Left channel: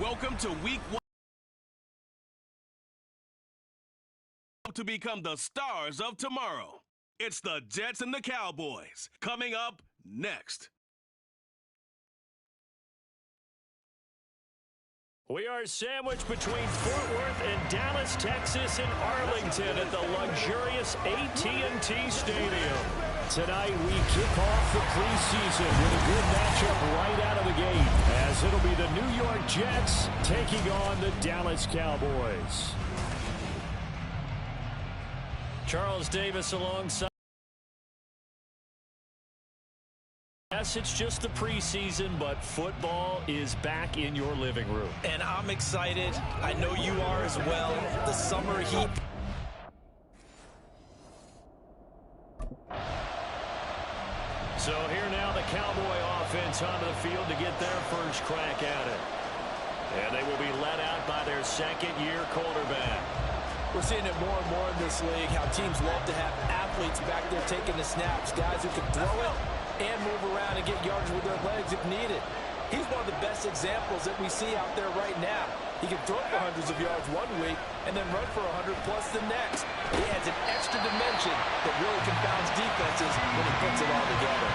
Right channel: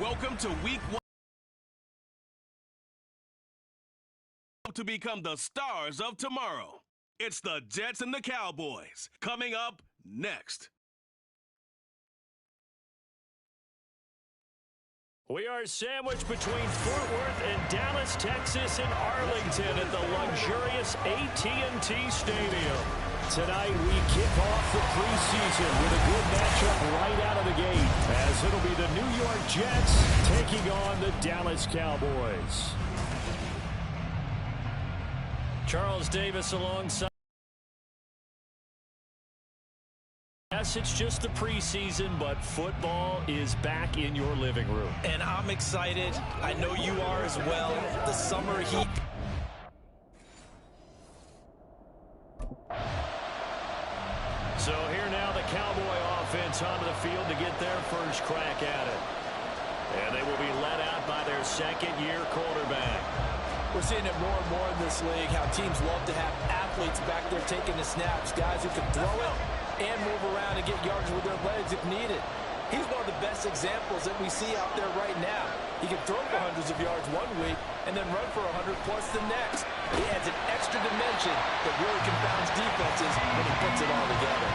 Welcome to Week 1 to become the stars of tomorrow. It's the Jets and the Cowboys coming up next. We are sandwiched between Fort Worth and Dallas, Texas, and Arlington at the luxurious AT&T Stadium. Tonight, we kick off the preseason with a good matchup right out of the gate, as it'll be the New York Jets taking on the Dallas Cowboys. Charles Davis alongside. Yes, it's just the preseason, but football is back in your living room. And I'm excited. I know you are as well. The summer heat. So here now the Cowboy offense onto the field to get their first crack at it. And they will be led out by their second-year quarterback. We're seeing it more and more in this league, how teams love to have athletes back there taking the snaps, guys who can throw it and move around and get yardage with their legs if needed. He's one of the best examples that we see out there right now. He can throw for hundreds of yards one week and then run for 100+ the next. He adds an extra dimension that really confounds defenses when he puts it all together.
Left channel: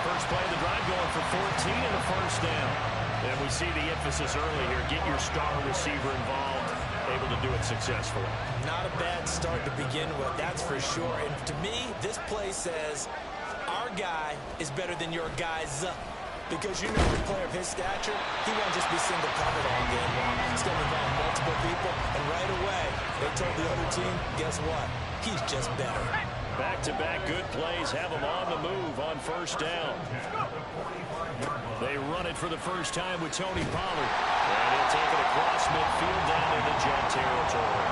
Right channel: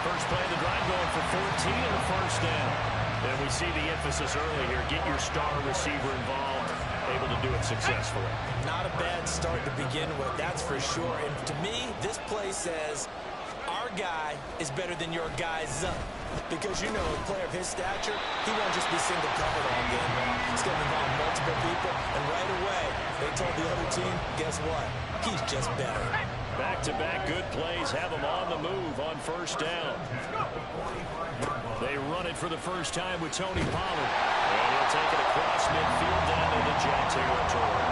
First play of the drive going for 14 and a first down. And we see the emphasis early here. Get your star receiver involved, able to do it successfully. Not a bad start to begin with, that's for sure. And to me, this play says our guy is better than your guy's. Because, you know, a player of his stature, he won't just be single covered all game long. He's going to involve multiple people. And right away, they told the other team, guess what? He's just better. Back-to-back good plays have him on the move on first down. They run it for the first time with Tony Pollard. And he'll take it across midfield down into Jet territory.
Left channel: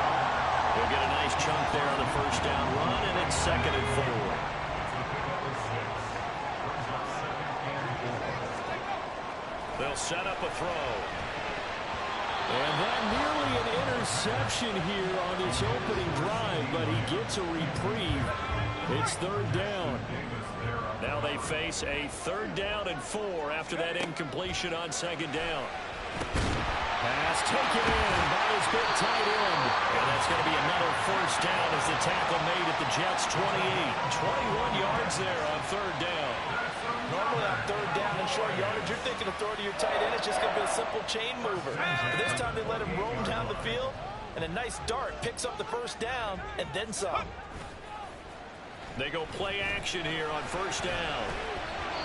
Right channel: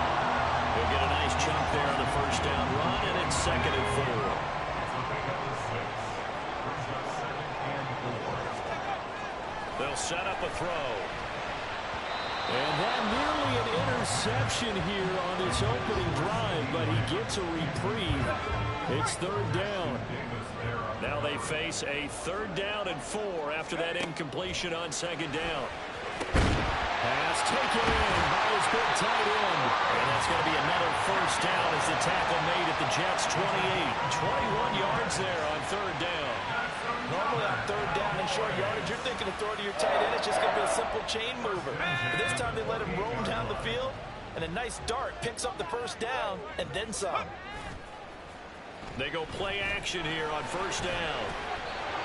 He'll get a nice chunk there on the first down run, and it's 2nd and 4. They'll set up a throw. And that nearly an interception here on this opening drive, but he gets a reprieve. It's 3rd down. Now they face a 3rd down and 4 after that incompletion on 2nd down. Pass taken in by his big tight end. And that's going to be another first down as the tackle made at the Jets' 28. 21 yards there on 3rd down. Normally on 3rd down and short yardage, you're thinking of throw to your tight end. It's just going to be a simple chain mover. But this time they let him roam down the field, and a nice dart picks up the first down and then some. They go play action here on first down.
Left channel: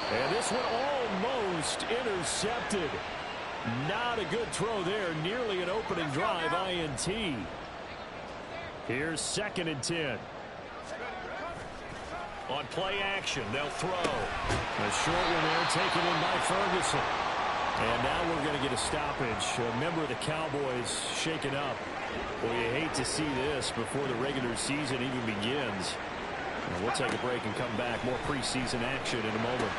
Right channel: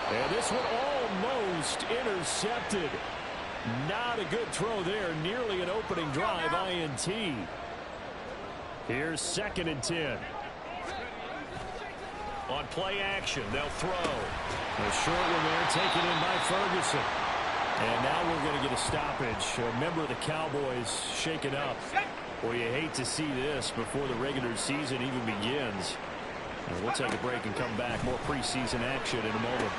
And this one almost intercepted. Not a good throw there. Nearly an opening drive INT. Here's 2nd and 10. On play action, they'll throw. A short one there taken in by Ferguson. And now we're going to get a stoppage. A member of the Cowboys shaken up. Well, you hate to see this before the regular season even begins. And we'll take a break and come back. More preseason action in a moment.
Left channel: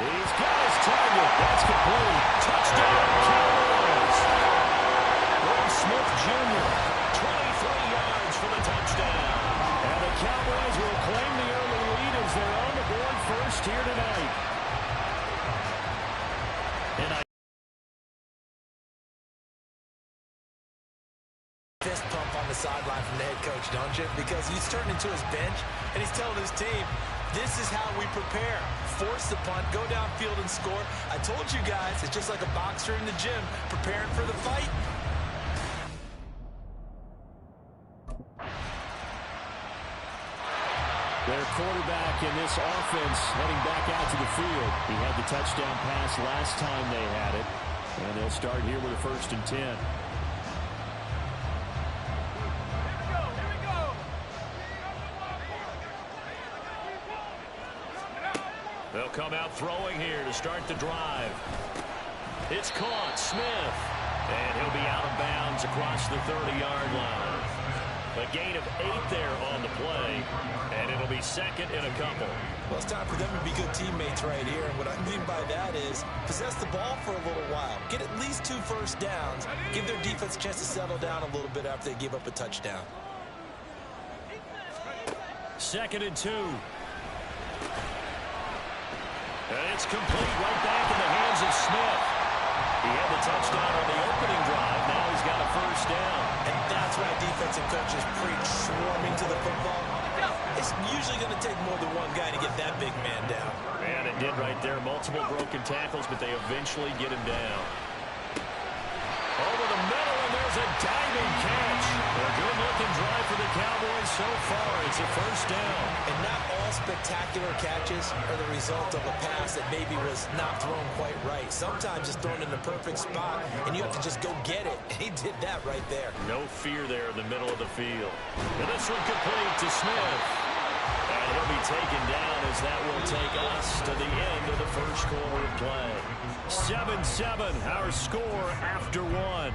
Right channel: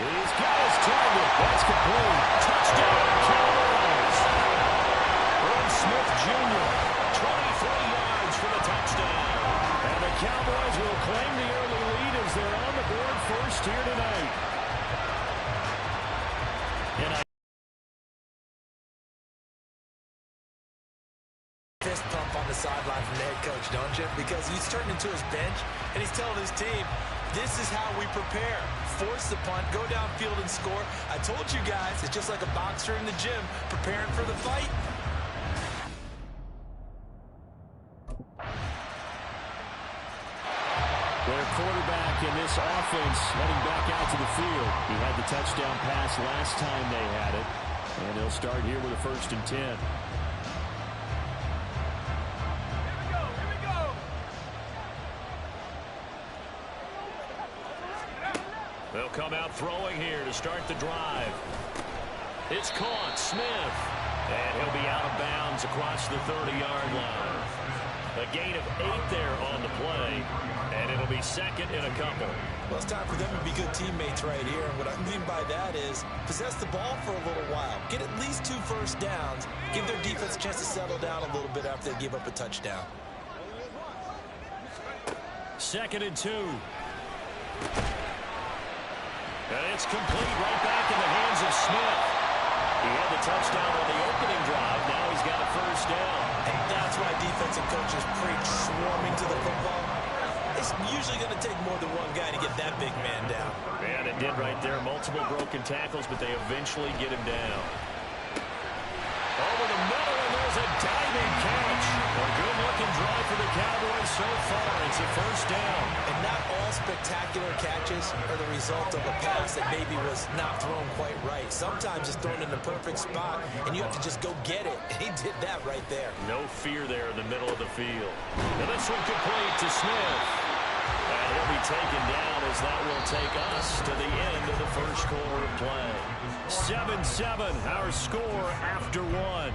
He's got his target. That's complete. Touchdown, Cowboys. Irv Smith Jr., 23 yards for the touchdown. And the Cowboys will claim the early lead as they're on the board first here tonight. And fist pump on the sideline from the head coach, don't you? Because he's turned into his bench, and he's telling his team, this is how we prepare. Force the punt, go downfield and score. I told you guys, it's just like a boxer in the gym preparing for the fight. Their quarterback in this offense heading back out to the field. He had the touchdown pass last time they had it. And they'll start here with a 1st and 10. Here we go. They'll come out throwing here to start the drive. It's caught. Smith. And he'll be out of bounds across the 30-yard line. A gain of 8 there on the play, and it'll be 2nd and a couple. Well, it's time for them to be good teammates right here. And what I mean by that is possess the ball for a little while. Get at least 2 first downs. Give their defense a chance to settle down a little bit after they give up a touchdown. 2nd and 2. And it's complete right back in the hands of Smith. He had the touchdown on the opening drive. Now he's got a first down. And that's why defensive coaches preach swarming to the football. It's usually going to take more than one guy to get that big man down. And it did right there. Multiple broken tackles, but they eventually get him down. Over the middle, and there's a diving catch. A good-looking drive for the Cowboys so far. It's a first down. And not all spectacular catches are the result of a pass that maybe was not thrown quite right. Sometimes it's thrown in the perfect spot, and you have to just go get it. And he did that right there. No fear there in the middle of the field. And this one complete to Smith. And he'll be taken down as that will take us to the end of the first quarter of play. 7-7, our score after one.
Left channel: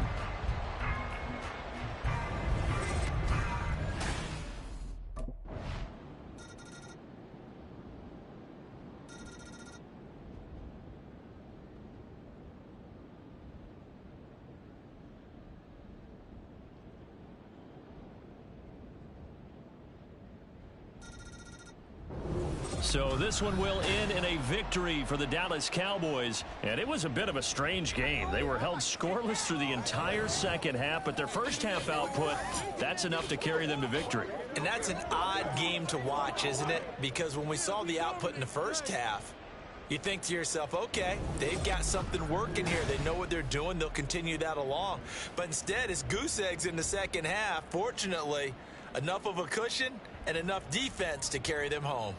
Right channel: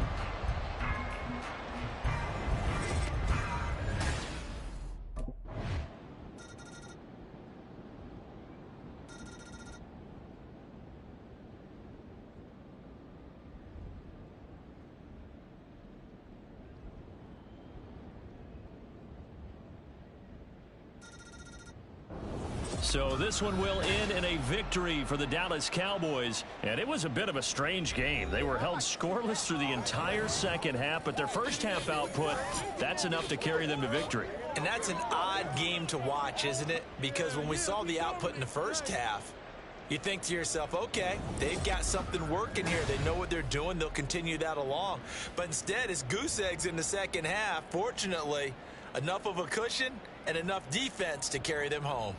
So this one will end in a victory for the Dallas Cowboys. And it was a bit of a strange game. They were held scoreless through the entire second half, but their first half output, that's enough to carry them to victory. And that's an odd game to watch, isn't it? Because when we saw the output in the first half, you think to yourself, okay, they've got something working here. They know what they're doing. They'll continue that along. But instead, it's goose eggs in the second half. Fortunately, enough of a cushion and enough defense to carry them home.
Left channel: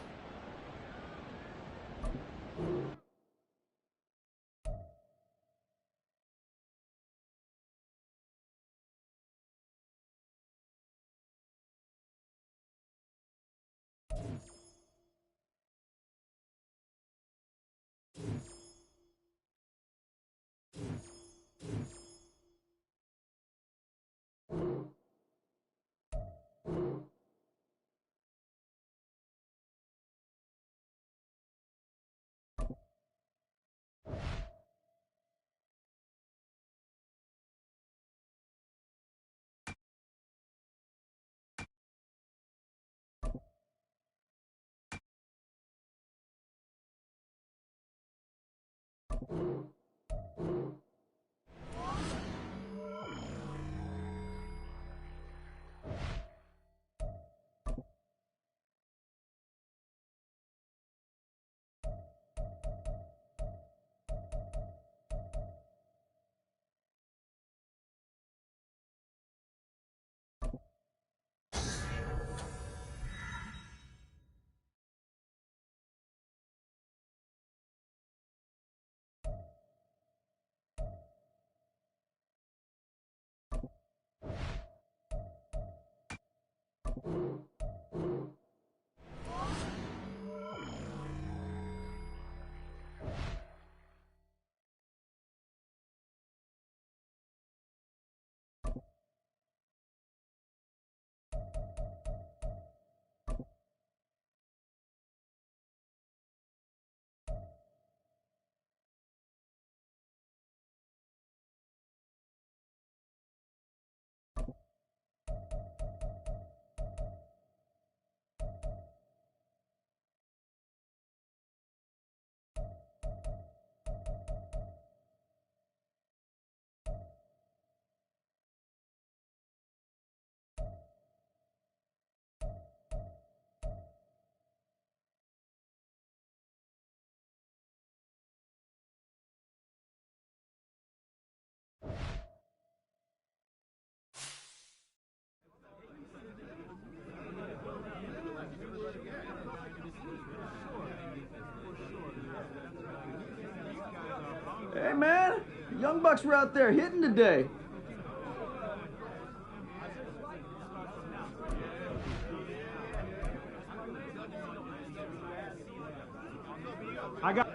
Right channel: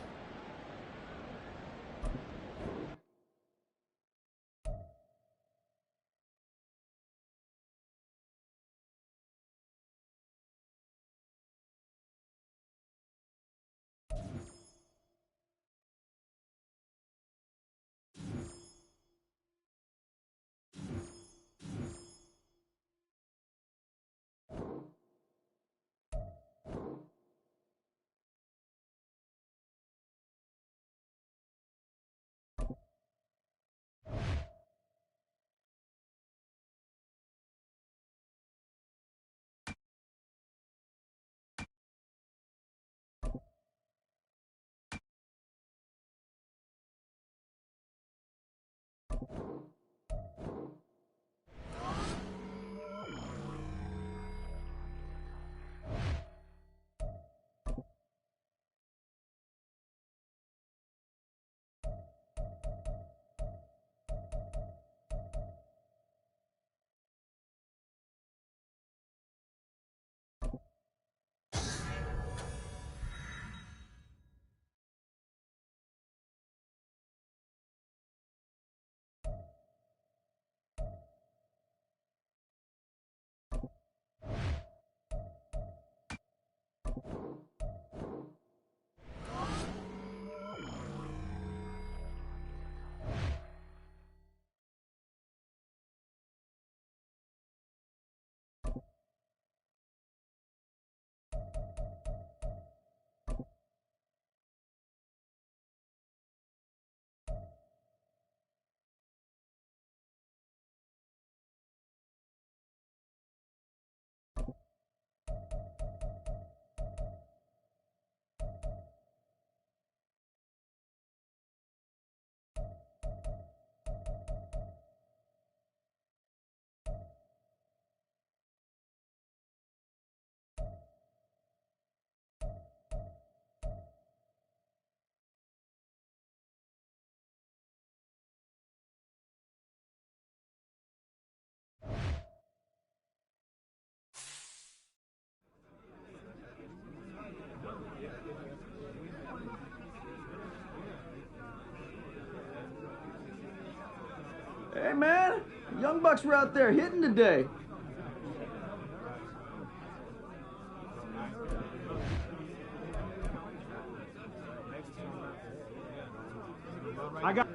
Hey, man, Young Bucks were out there hitting today. I got...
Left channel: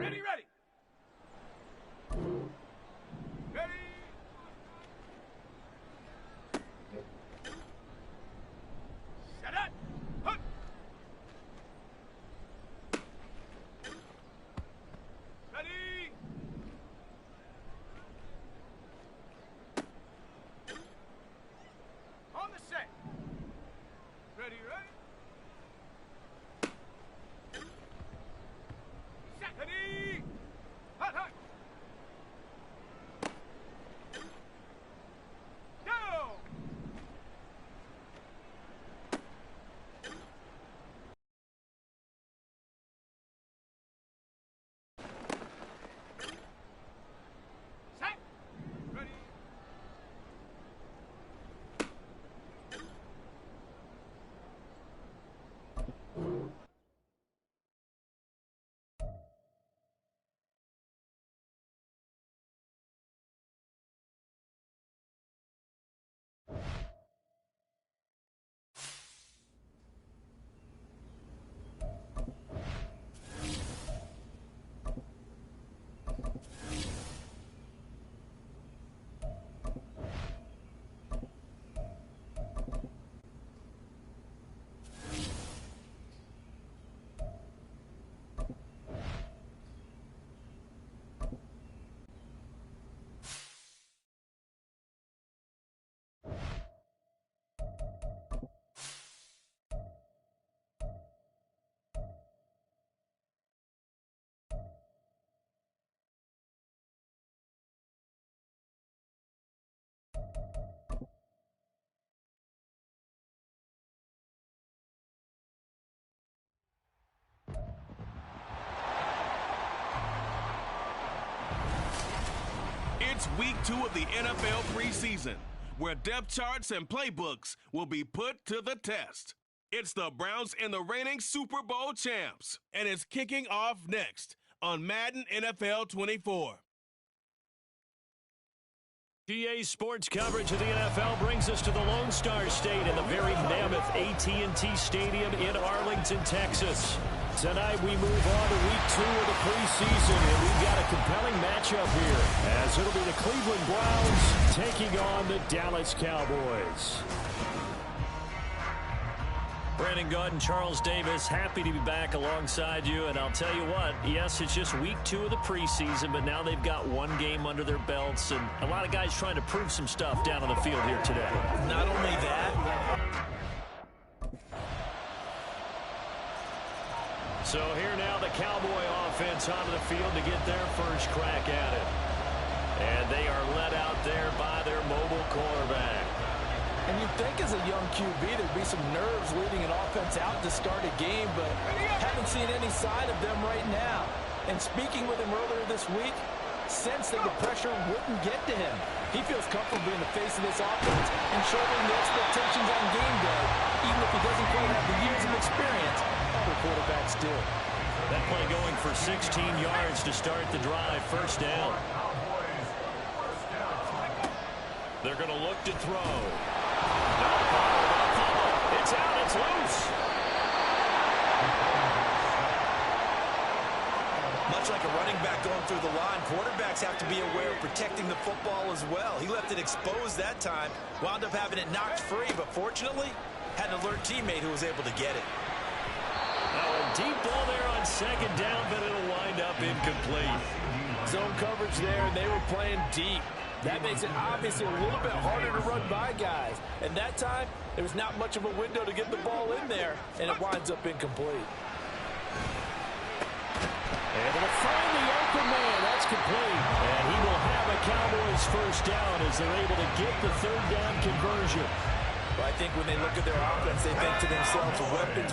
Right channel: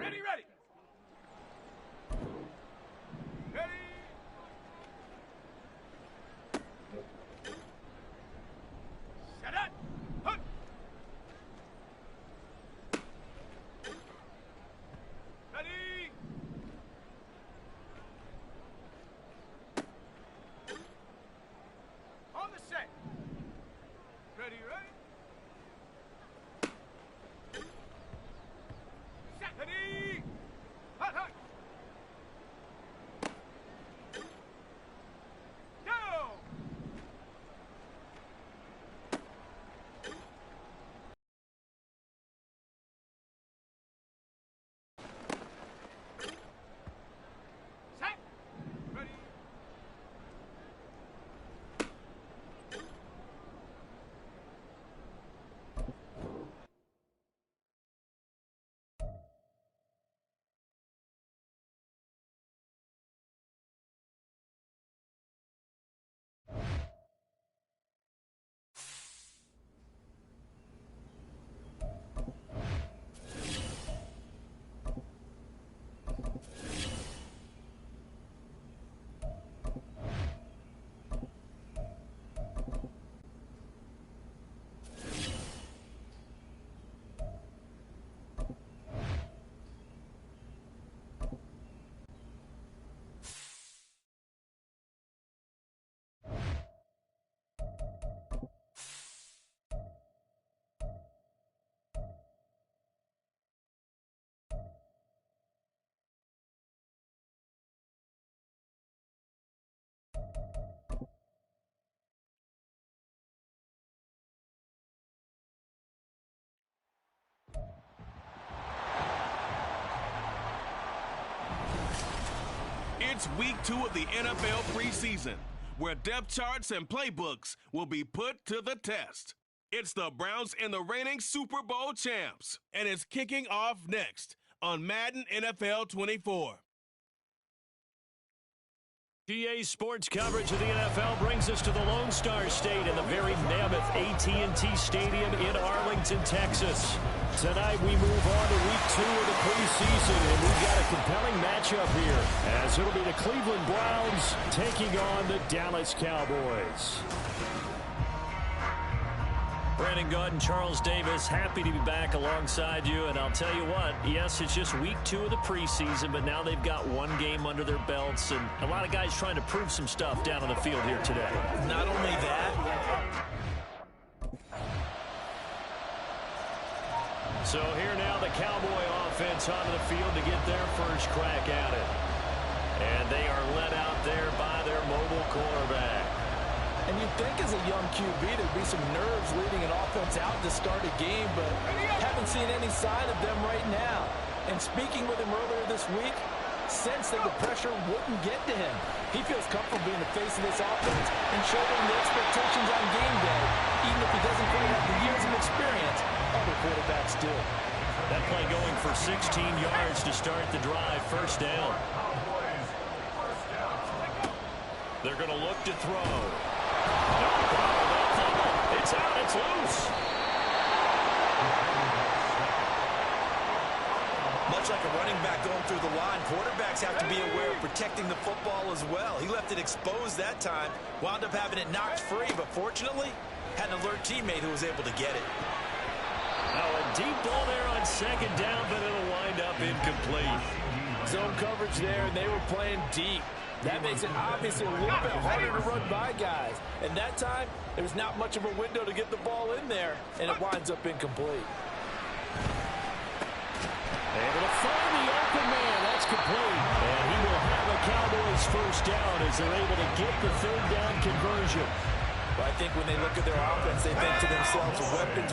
Ready, ready. Ready. Set up. Hunt. Ready. On the set. Ready, ready. Set. Ready. Hot, hot. Down. Set. Ready. It's week 2 of the NFL preseason, where depth charts and playbooks will be put to the test. It's the Browns and the reigning Super Bowl champs, and it's kicking off next on Madden NFL 24. GA Sports coverage of the NFL brings us to the Lone Star State in the very mammoth AT&T Stadium in Arlington, Texas. Tonight we move on to week 2 of the preseason, and we've got a compelling matchup here, as it'll be the Cleveland Browns taking on the Dallas Cowboys. Brandon Gaud and Charles Davis, happy to be back alongside you. And I'll tell you what, yes, it's just week 2 of the preseason, but now they've got one game under their belts, and a lot of guys trying to prove some stuff down on the field here today. Not only that. So here now the Cowboy offense onto the field to get their first crack at it. And they are led out there by their mobile quarterback. And you'd think as a young QB there'd be some nerves leading an offense out to start a game, but haven't seen any sign of them right now. And speaking with him earlier this week, sensed that the pressure wouldn't get to him. He feels comfortable being the face of this offense and shouldering the expectations on game day, even if he doesn't quite have the years of experience other quarterbacks do. That play going for 16 yards to start the drive, first down. They're going to look to throw. No, bottled up. Fumble. It's out. It's loose. Much like a running back going through the line, quarterbacks have to be aware of protecting the football as well. He left it exposed that time, wound up having it knocked free, but fortunately had an alert teammate who was able to get it. Now a deep ball there on second down, but it'll wind up incomplete. Zone coverage there, and they were playing deep. That makes it obviously a little bit harder to run by guys. And that time, there was not much of a window to get the ball in there, and it winds up incomplete. Able to find the open man. That's complete. And he will have a Cowboys first down as they're able to get the third down conversion. Well, I think when they look at their offense, they think to themselves,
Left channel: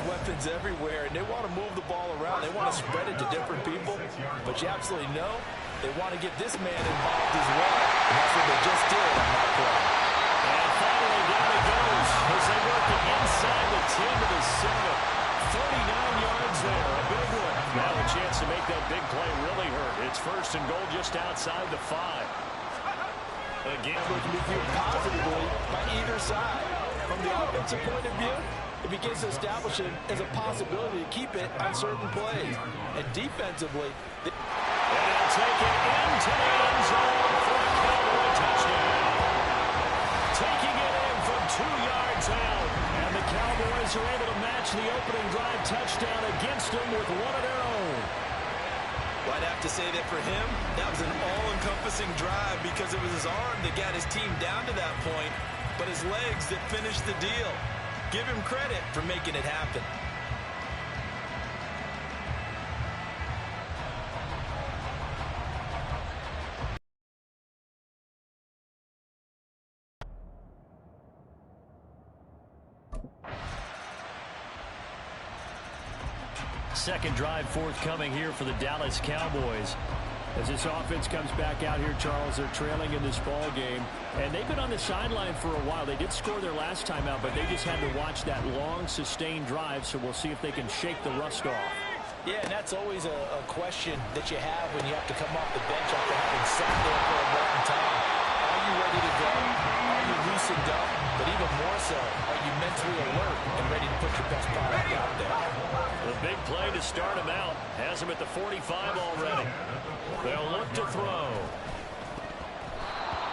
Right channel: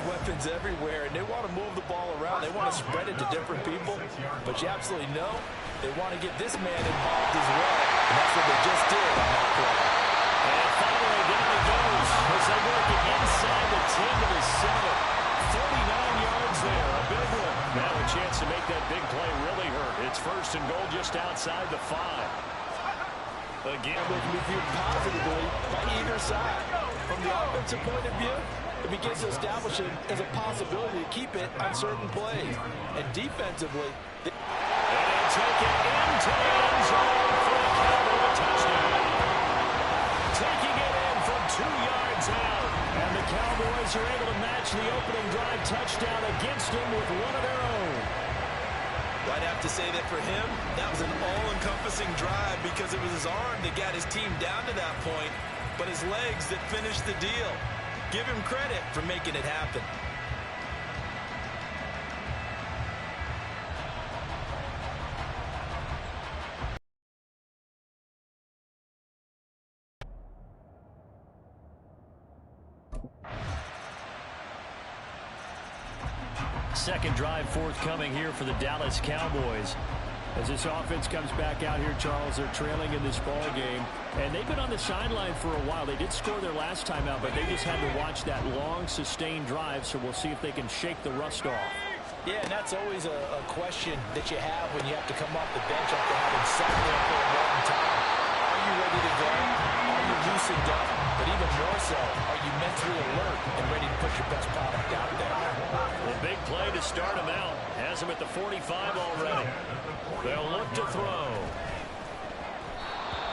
weapons everywhere, and they want to move the ball around. They want to spread it to different people. But you absolutely know they want to get this man involved as well. And that's what they just did on that play. And finally, down it goes as they work it inside the 10 to the 7. 39 yards there, a big one. Now a chance to make that big play really hurt. It's first and goal just outside the 5. Again, it can be viewed positively by either side. From the offensive point of view, it begins to establish it as a possibility to keep it on certain plays. And defensively, He'll take it into the end zone for a Cowboy touchdown. Taking it in from 2 yards out. And the Cowboys are able to match the opening drive touchdown against them with one of their own. Well, I'd have to say that for him, that was an all-encompassing drive because it was his arm that got his team down to that point, but his legs that finished the deal. Give him credit for making it happen. Second drive forthcoming here for the Dallas Cowboys. As this offense comes back out here, Charles, they're trailing in this ball game, and they've been on the sideline for a while. They did score their last time out, but they just had to watch that long, sustained drive, so we'll see if they can shake the rust off. Yeah, and that's always a question that you have when you have to come off the bench after having sat there for a long time. Are you ready to go? Are you loosened up? But even more so, are you mentally alert and ready to put your best product out there? The big play to start him out. Has him at the 45 already. They'll look to throw.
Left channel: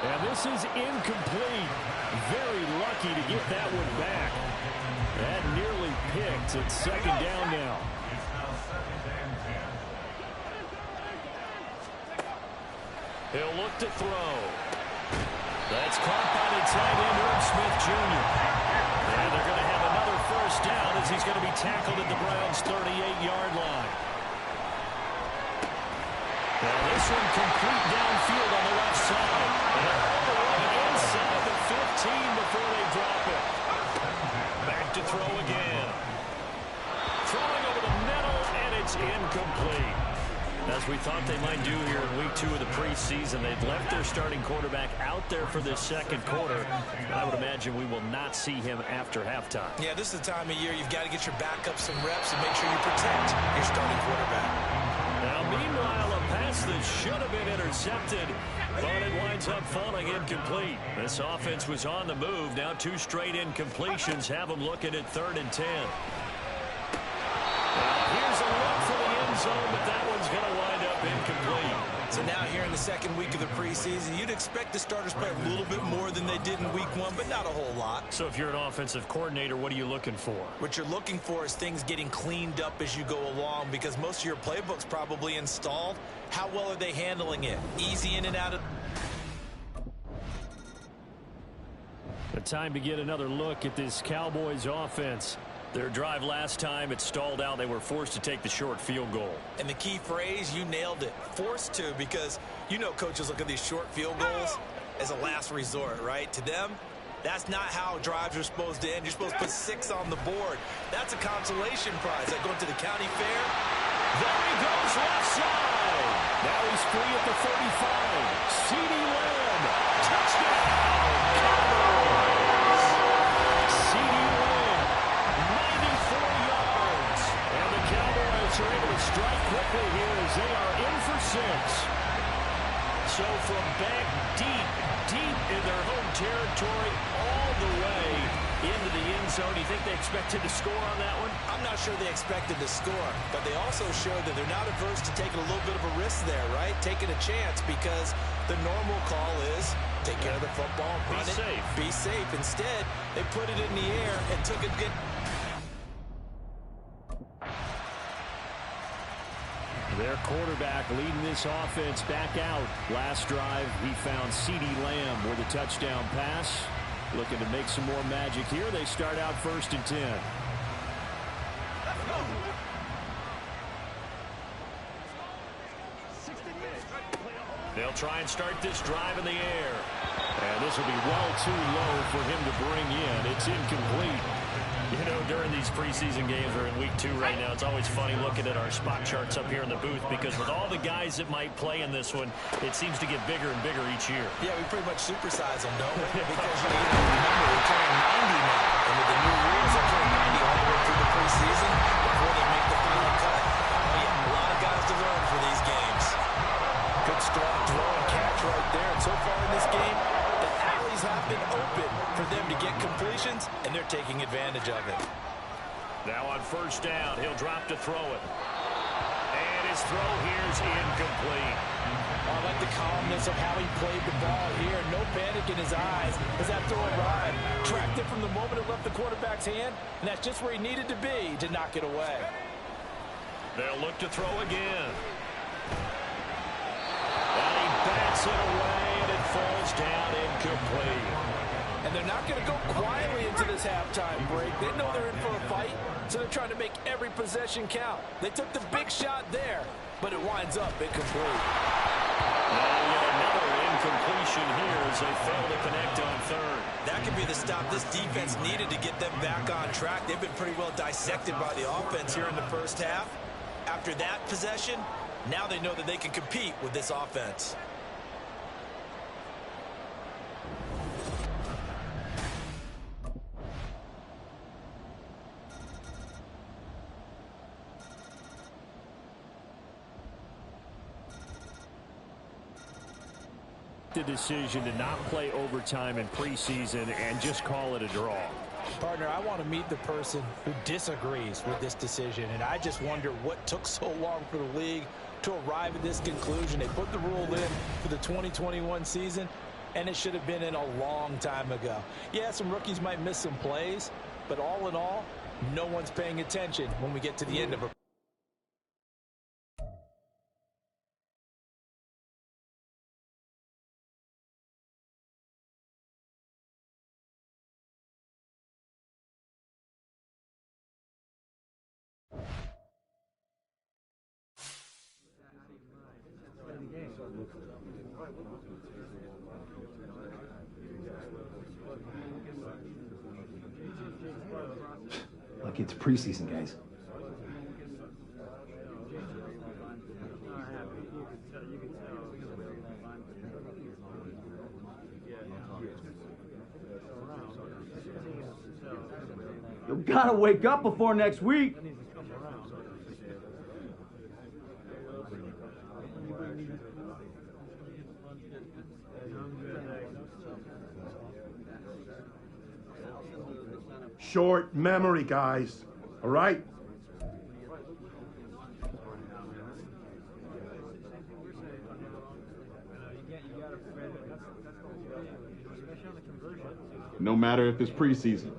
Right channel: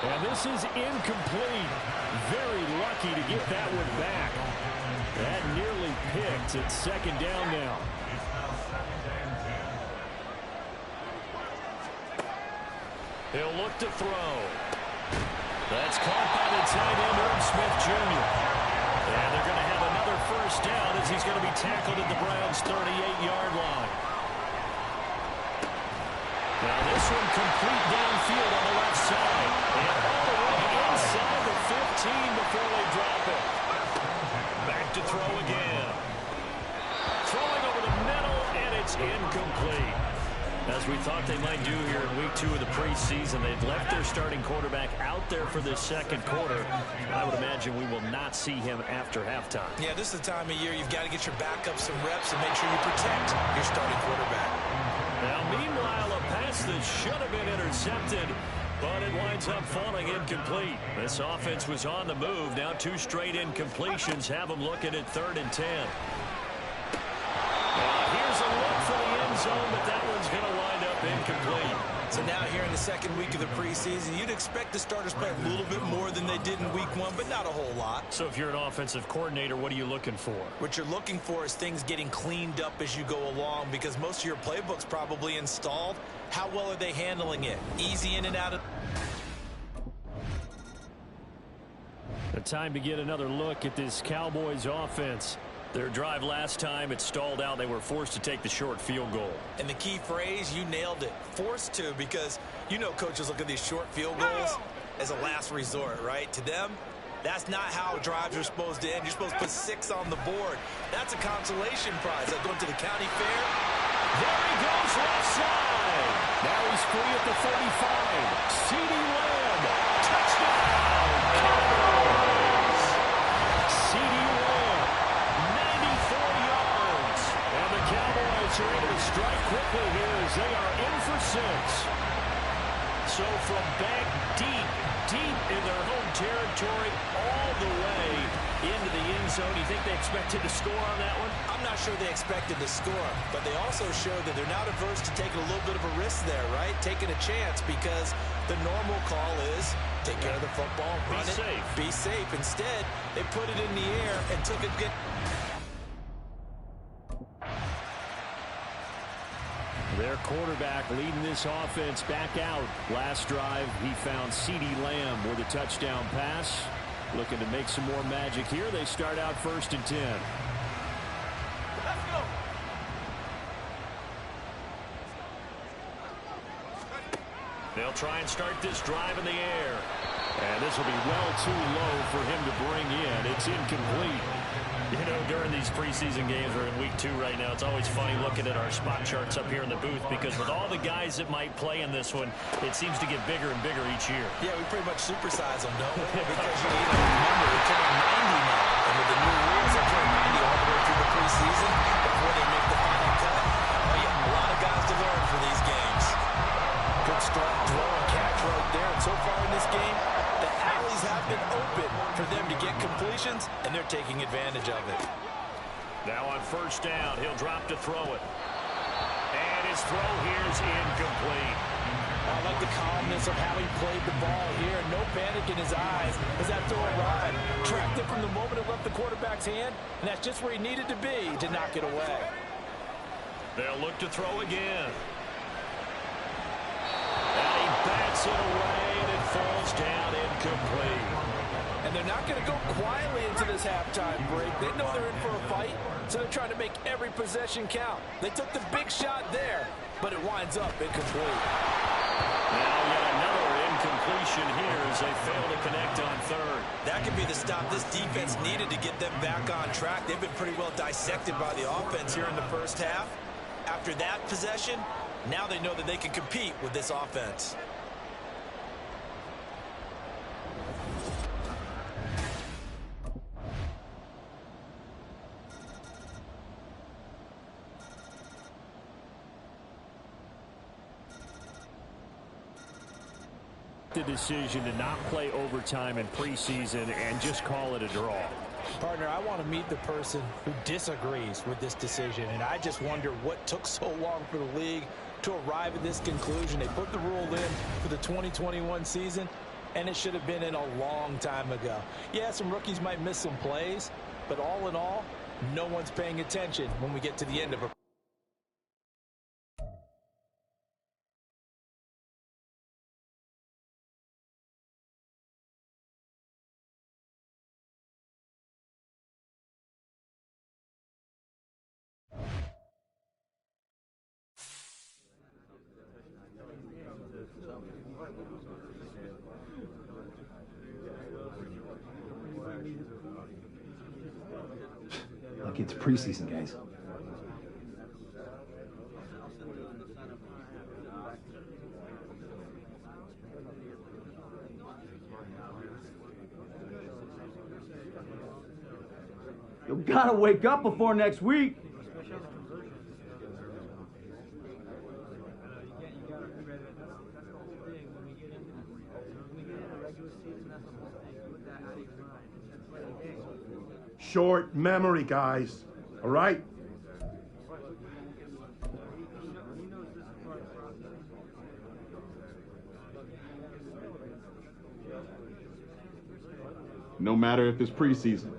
And this is incomplete. Very lucky to get that one back. That nearly picked. It's second down now. He'll look to throw. That's caught by the tight end, Herb Smith Jr. And they're going to have another first down as he's going to be tackled at the Browns' 38-yard line. Now this one complete downfield on the left side. And all the way inside the 15 before they drop it. Back to throw again. Throwing over the middle, and it's incomplete. As we thought they might do here in week 2 of the preseason, they'd left their starting quarterback out there for this second quarter. I would imagine we will not see him after halftime. Yeah, this is the time of year you've got to get your backup some reps and make sure you protect your starting quarterback. Now, meanwhile, a pass that should have been intercepted, but it winds up falling incomplete. This offense was on the move. Now 2 straight incompletions have them looking at 3rd and 10. Now, here's a look for the end zone, but that one's going to wind up incomplete. So now here in the second week of the preseason, you'd expect the starters play a little bit more than they did in week 1, but not a whole lot. So if you're an offensive coordinator, what are you looking for? What you're looking for is things getting cleaned up as you go along because most of your playbook's probably installed. How well are they handling it? Easy in and out of... The time to get another look at this Cowboys offense. Their drive last time, it stalled out. They were forced to take the short field goal. And the key phrase, you nailed it. Forced to, because you know coaches look at these short field goals as a last resort, right? To them, that's not how drives are supposed to end. You're supposed to put 6 on the board. That's a consolation prize, like going to the county fair. There he goes, left side. Now he's free at the 35. CeeDee Lamb, touchdown, Cowboys. CeeDee Lamb, 94 yards. And the Cowboys are able to strike quickly here as they are in for 6. So from back deep in their home territory, all the way into the end zone. Do you think they expected to score on that one? I'm not sure they expected to score, but they also showed that they're not averse to taking a little bit of a risk there, right? Taking a chance, because the normal call is take care of the football, run it, be safe. Instead, they put it in the air and took a good... Their quarterback leading this offense back out. Last drive, he found CeeDee Lamb with a touchdown pass. Looking to make some more magic here. They start out 1st and 10. Let's go. They'll try and start this drive in the air. And this will be well too low for him to bring in. It's incomplete. You know, during these preseason games, we're in week 2 right now, it's always funny looking at our spot charts up here in the booth, because with all the guys that might play in this one, it seems to get bigger and bigger each year. Yeah, we pretty much supersize them, don't we? Because, you know, remember, they're carrying 90 now. And with the new rules, they're carrying 90 all the way through the preseason before they make the final cut. Oh, yeah, a lot of guys to learn for these games. Good strong throw and catch right there. And so far in this game, the alleys have been open for them to get completions, and they're taking advantage of it. Now on 1st down, he'll drop to throw it. And his throw here is incomplete. I like the calmness of how he played the ball here. No panic in his eyes as that throw arrived. Tracked it from the moment it left the quarterback's hand, and that's just where he needed to be to knock it away. They'll look to throw again. And he bats it away, and it falls down incomplete. And they're not going to go quietly into this halftime break. They know they're in for a fight, so they're trying to make every possession count. They took the big shot there, but it winds up incomplete. Now yet another incompletion here as they fail to connect on third. That could be the stop this defense needed to get them back on track. They've been pretty well dissected by the offense here in the first half. After that possession, now they know that they can compete with this offense. The decision to not play overtime in preseason and just call it a draw. Partner, I want to meet the person who disagrees with this decision, and I just wonder what took so long for the league to arrive at this conclusion. They put the rule in for the 2021 season, and it should have been in a long time ago. Yeah, some rookies might miss some plays, but all in all, no one's paying attention when we get to the end of a Like it's preseason, guys. You gotta wake up before next week. Short memory, guys. All right? No matter if it's preseason.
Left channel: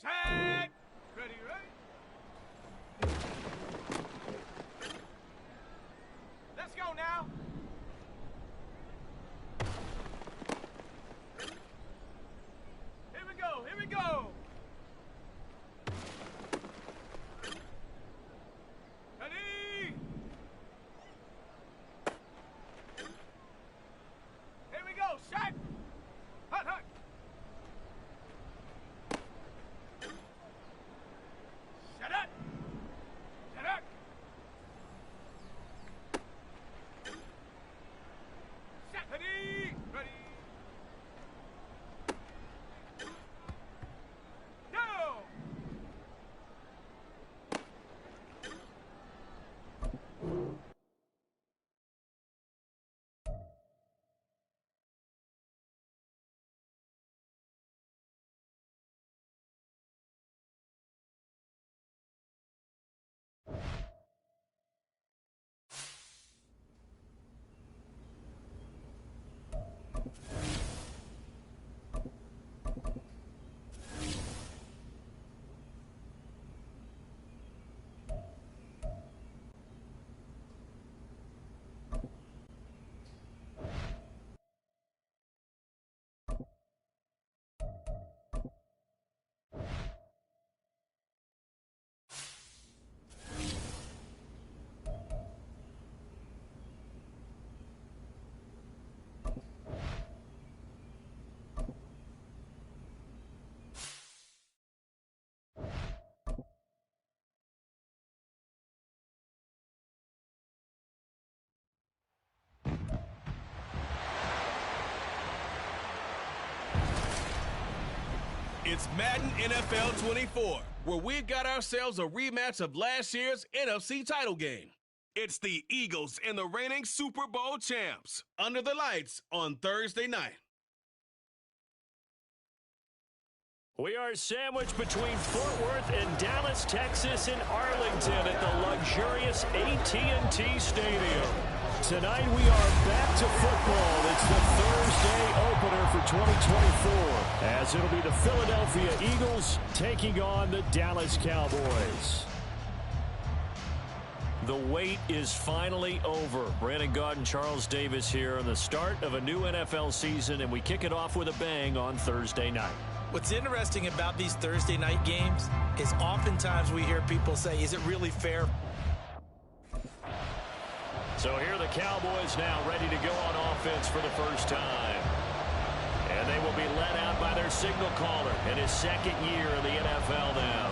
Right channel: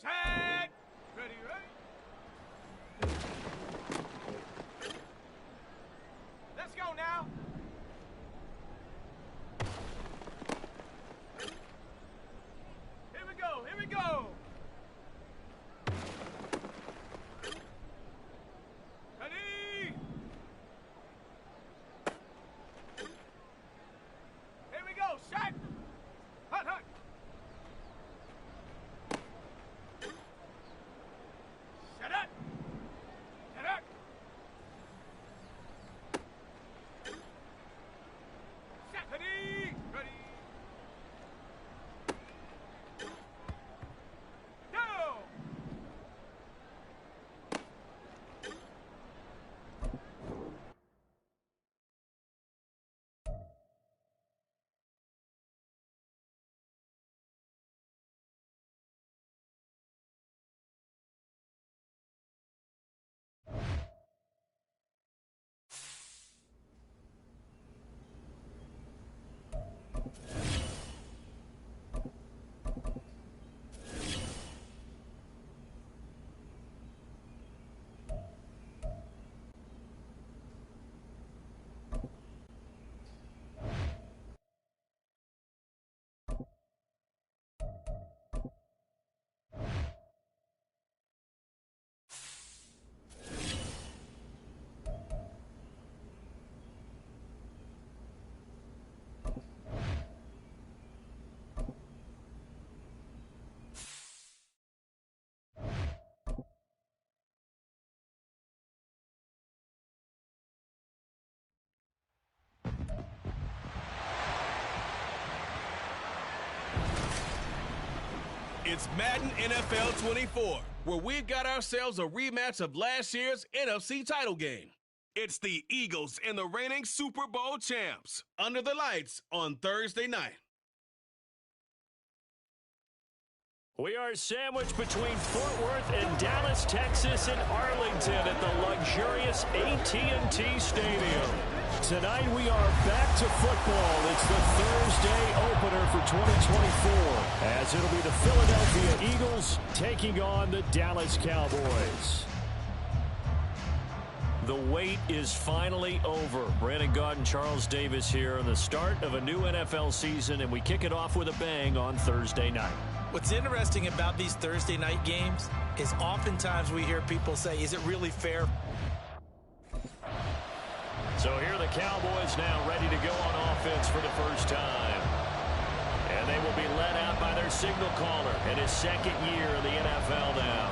Set. Ready. Let's go now. Here we go. Here we go. Ready. Here we go. Set. Hut, hut. It's Madden NFL 24, where we've got ourselves a rematch of last year's NFC title game. It's the Eagles and the reigning Super Bowl champs, under the lights on Thursday night. We are sandwiched between Fort Worth and Dallas, Texas, and Arlington at the luxurious AT&T Stadium. Tonight we are back to football. It's the Thursday opener for 2024, as it'll be the Philadelphia Eagles taking on the Dallas Cowboys. The wait is finally over. Brandon Gaud and Charles Davis here on the start of a new NFL season, and we kick it off with a bang on Thursday night. What's interesting about these Thursday night games is oftentimes we hear people say, is it really fair? So here are the Cowboys now ready to go on offense for the first time. And they will be led out by their signal caller in his second year in the NFL now.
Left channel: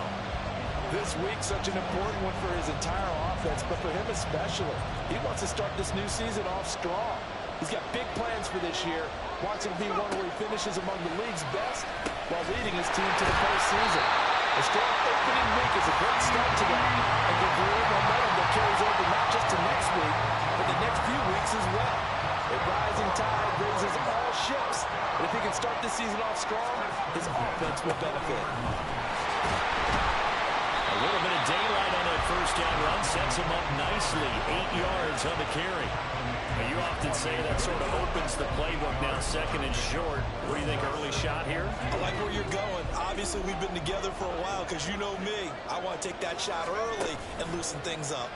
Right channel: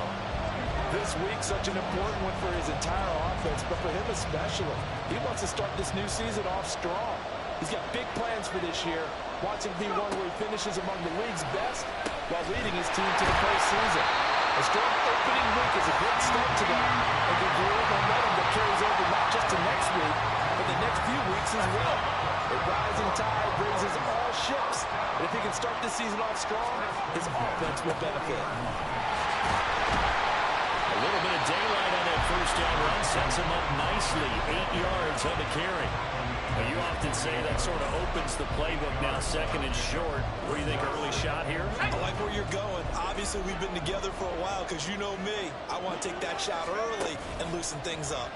This week, such an important one for his entire offense, but for him especially. He wants to start this new season off strong. He's got big plans for this year. Wants it to be one where he finishes among the league's best while leading his team to the postseason. A strong opening week is a great start to that and can create momentum that carries over not just to next week, but the next few weeks as well. A rising tide raises all ships, and if he can start this season off strong, his offense will benefit. A little bit of daylight on that first down run sets him up nicely. 8 yards on the carry. Now, you often say that sort of opens the playbook now, second and short. What do you think, early shot here? I like where you're going. Obviously, we've been together for a while because you know me. I want to take that shot early and loosen things up.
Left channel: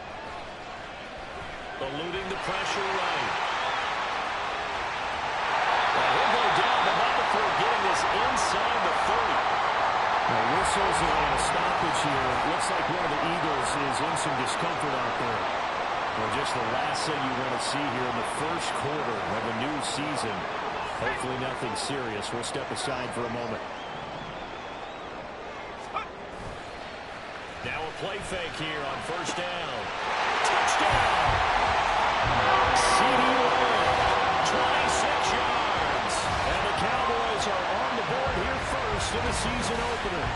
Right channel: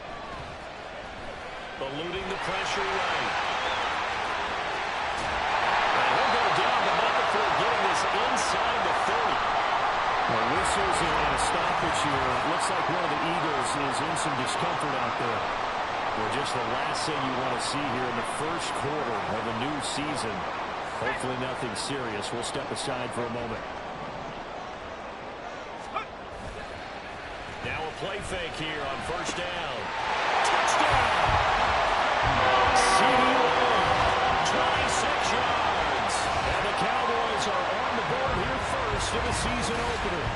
Eluding the pressure right. And he'll go down, but not before getting this inside the 30. Well, whistles and a stoppage here. Looks like one of the Eagles is in some discomfort out there. Well, just the last thing you want to see here in the first quarter of a new season. Hopefully nothing serious. We'll step aside for a moment. Now a play fake here on first down. Touchdown! CeeDee Lamb, 26 yards. And the Cowboys are on the board here first in the season opener.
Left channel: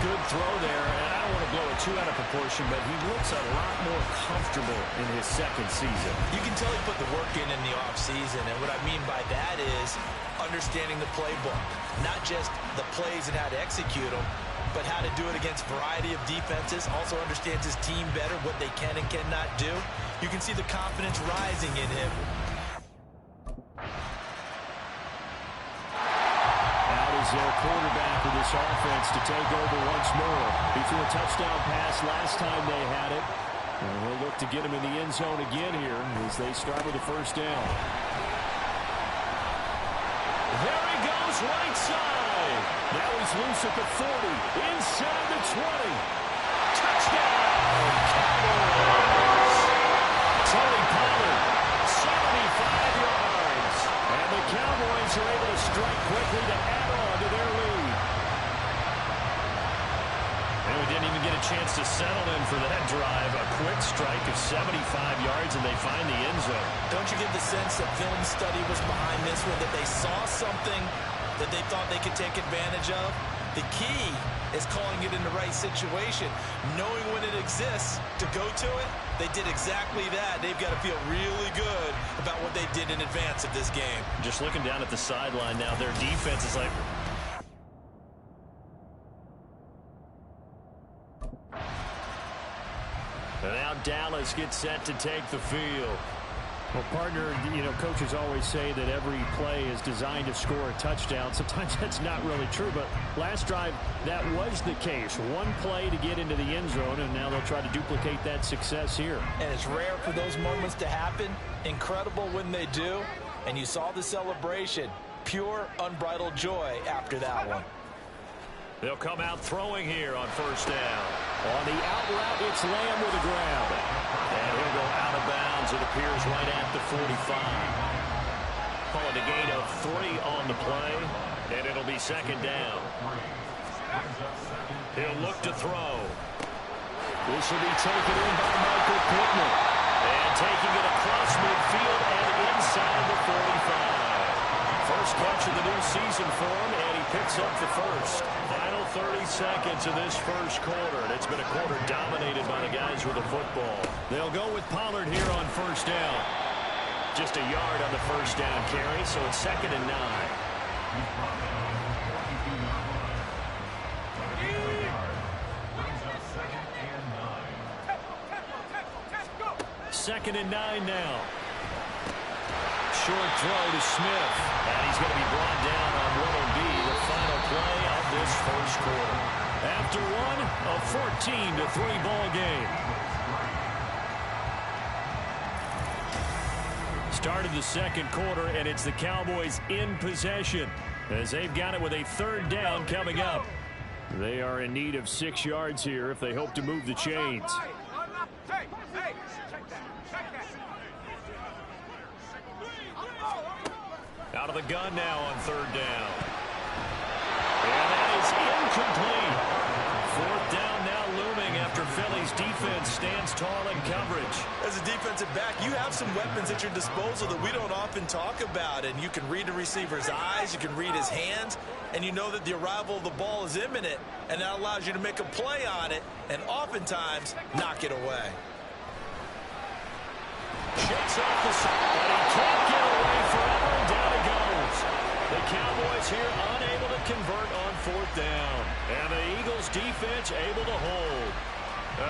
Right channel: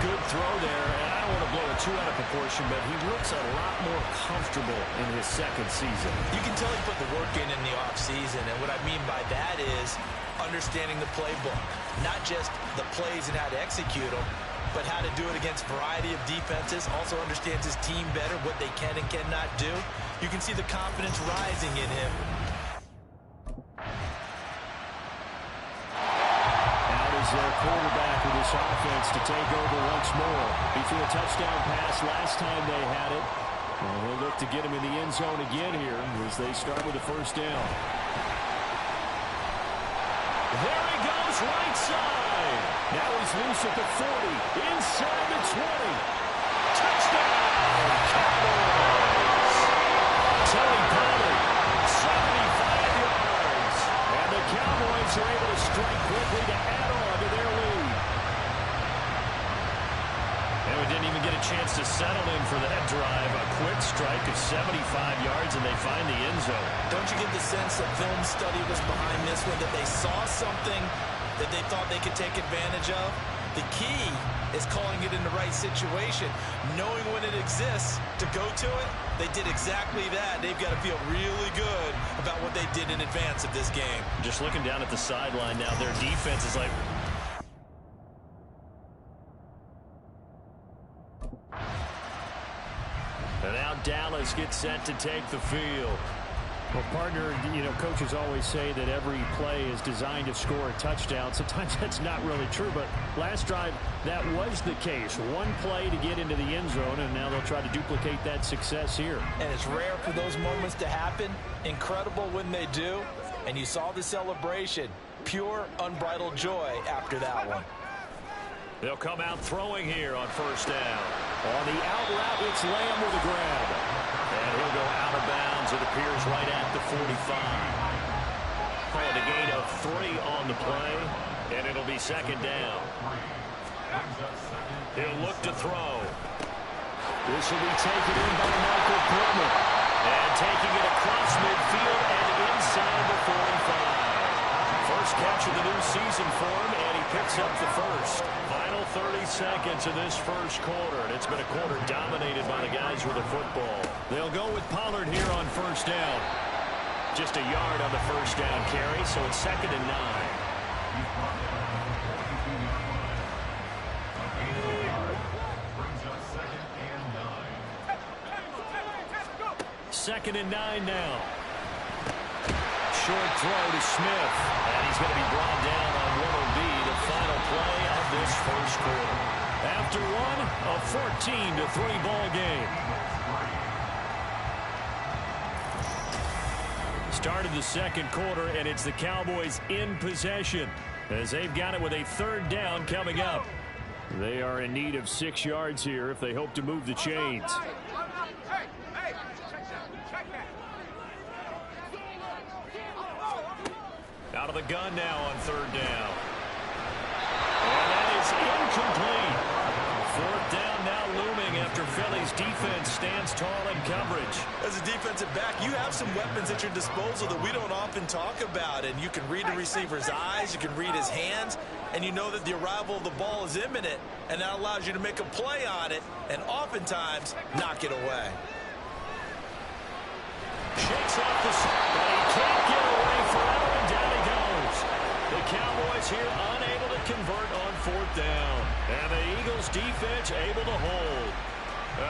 Good throw there, and I don't want to blow it too out of proportion, but he looks a lot more comfortable in his second season. You can tell he put the work in the offseason, and what I mean by that is understanding the playbook. Not just the plays and how to execute them, but how to do it against a variety of defenses. Also understands his team better, what they can and cannot do. You can see the confidence rising in him. Is their quarterback with this offense to take over once more. He threw a touchdown pass last time they had it. And he'll look to get him in the end zone again here as they start with the first down. There he goes, right side. Now he's loose at the 40, inside the 20. Touchdown, Cowboys. Tony Pollard, 75 yards. And the Cowboys are able to strike quickly to add on to their lead. And we didn't even get a chance to settle in for that drive. A quick strike of 75 yards, and they find the end zone. Don't you get the sense that film study was behind this one, that they saw something that they thought they could take advantage of? The key is calling it in the right situation, knowing when it exists to go to it. They did exactly that. They've got to feel really good about what they did in advance of this game. Just looking down at the sideline now, their defense is like... And now Dallas gets set to take the field. Well, partner, you know, coaches always say that every play is designed to score a touchdown. Sometimes that's not really true, but last drive, that was the case. One play to get into the end zone, and now they'll try to duplicate that success here. And it's rare for those moments to happen. Incredible when they do. And you saw the celebration. Pure, unbridled joy after that one. They'll come out throwing here on first down. On the out route, it's Lamb with a grab. And he'll go out of bounds, it appears, right at the 45. Calling a gain of 3 on the play, and it'll be second down. He'll look to throw. This will be taken in by Michael Pittman. And taking it across midfield and inside the 45. First catch of the new season for him, and he picks up the first. Final 30 seconds of this first quarter, and it's been a quarter dominated by the guys with the football. They'll go with Pollard here on first down. Just a yard on the first down carry, so it's 2nd and 9. 2nd and 9 now. Short throw to Smith, and he's going to be brought down on what will be the final play of this first quarter. After one, a 14-3 ball game. Started the second quarter, and it's the Cowboys in possession as they've got it with a 3rd down coming up. They are in need of 6 yards here if they hope to move the chains. Out of the gun now on 3rd down. And that is incomplete. 4th down now looming after Philly's defense stands tall in coverage. As a defensive back, you have some weapons at your disposal that we don't often talk about. And you can read the receiver's eyes, you can read his hands, and you know that the arrival of the ball is imminent. And that allows you to make a play on it and oftentimes knock it away. Shakes off the side, but he can't get away forever, and down he goes. The Cowboys here unable to convert on 4th down. And the Eagles defense able to hold.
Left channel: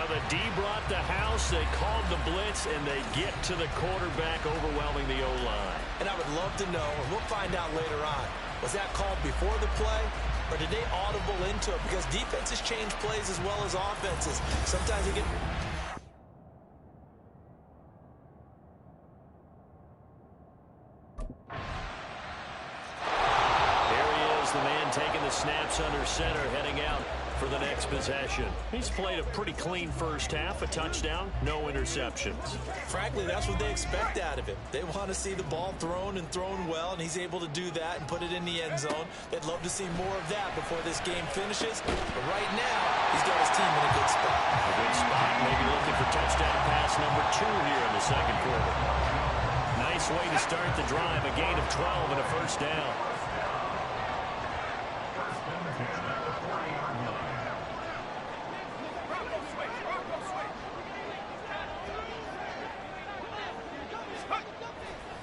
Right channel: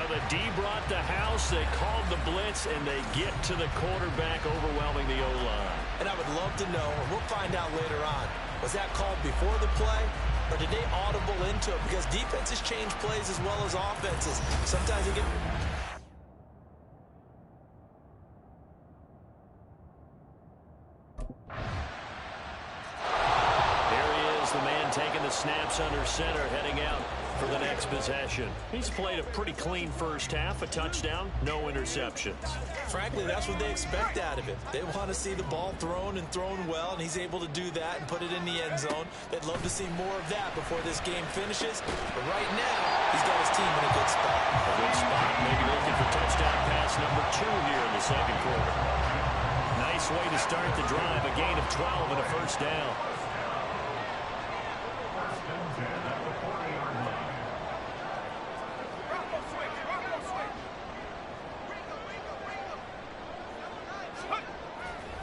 The D brought the house, they called the blitz, and they get to the quarterback, overwhelming the O-line. And I would love to know, and we'll find out later on, was that called before the play, or did they audible into it? Because defenses change plays as well as offenses. Sometimes you get... The man taking the snaps under center, heading out for the next possession. He's played a pretty clean first half, a touchdown, no interceptions. Frankly, that's what they expect out of him. They want to see the ball thrown and thrown well, and he's able to do that and put it in the end zone. They'd love to see more of that before this game finishes, but right now, he's got his team in a good spot. A good spot, maybe looking for touchdown pass number 2 here in the second quarter. Nice way to start the drive, a gain of 12 and a first down.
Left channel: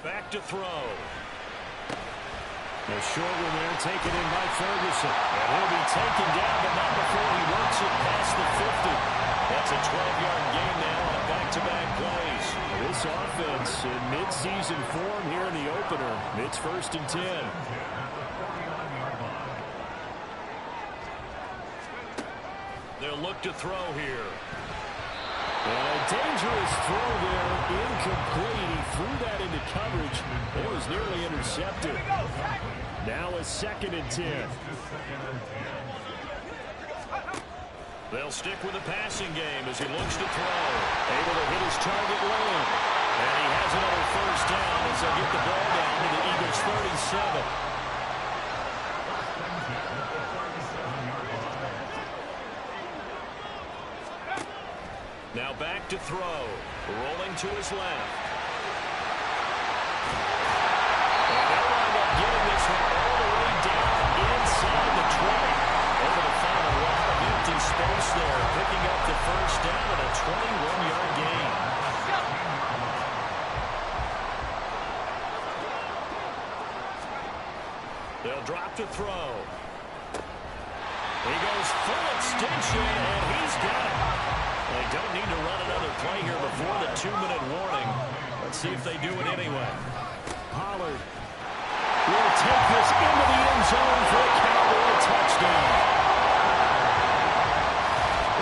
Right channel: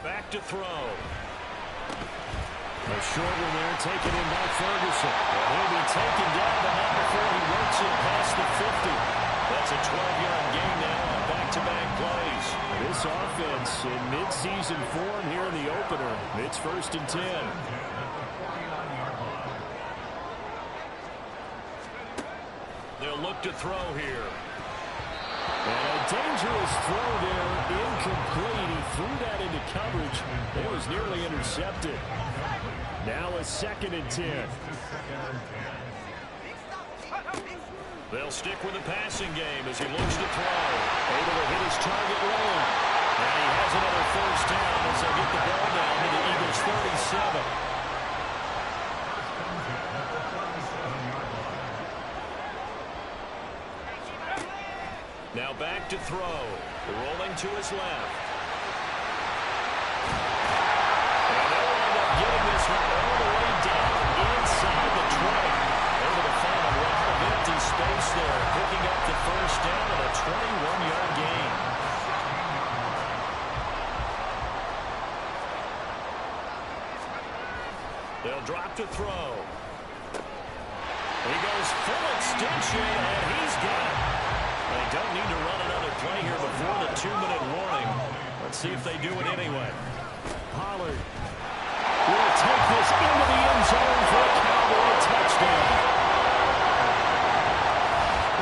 Back to throw. A short one there taken in by Ferguson. And he'll be taken down, but not before he works it past the 50. That's a 12-yard gain now on back-to-back plays. This offense in mid-season form here in the opener. It's 1st and 10. They'll look to throw here. And a dangerous throw there, incomplete. He threw that into coverage. It was nearly intercepted. Now a 2nd and 10. They'll stick with the passing game as he looks to throw. Able to hit his target lane. And he has another first down as they'll get the ball down to the Eagles' 37. Now back to throw. Rolling to his left. And they'll wind up getting this one all the way down inside the 20. Able to find a lot of empty space there. Picking up the first down and a 21-yard gain. They'll drop to throw. He goes full extension, and he's got it. They don't need to run another play here before the 2-minute warning. Let's see if they do it anyway. Pollard will take this into the end zone for a Cowboy touchdown.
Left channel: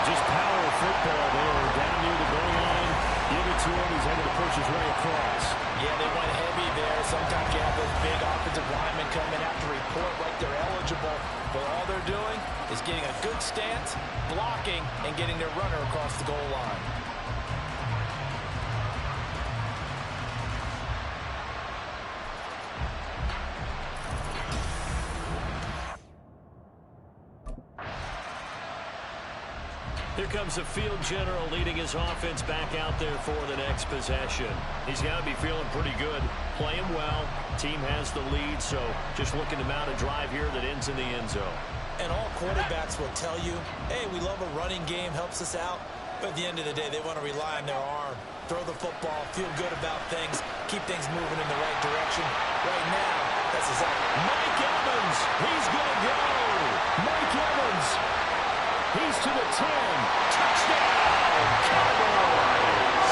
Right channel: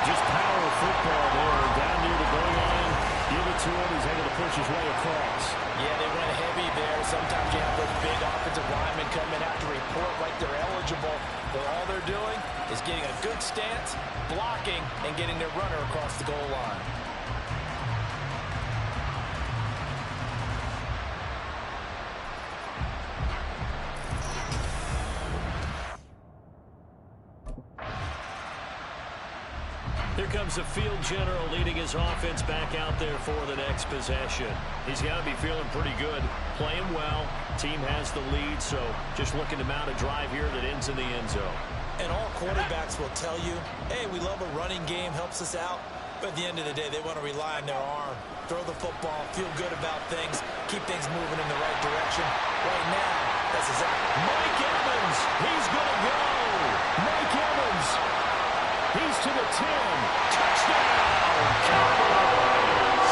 Just power football there, down near the goal line. Give it to him. He's able to push his way across. Yeah, they went heavy there. Sometimes you have those big offensive linemen come in, have to report like they're eligible. But all they're doing is getting a good stance, blocking, and getting their runner across the goal line. Here comes the field general leading his offense back out there for the next possession. He's got to be feeling pretty good, playing well. Team has the lead, so just looking to mount a drive here that ends in the end zone. And all quarterbacks will tell you, hey, we love a running game, helps us out. But at the end of the day, they want to rely on their arm. Throw the football, feel good about things, keep things moving in the right direction. Right now, that's exactly. Mike Evans, he's going to go. Mike Evans, he's to the 10. Touchdown, Cowboys.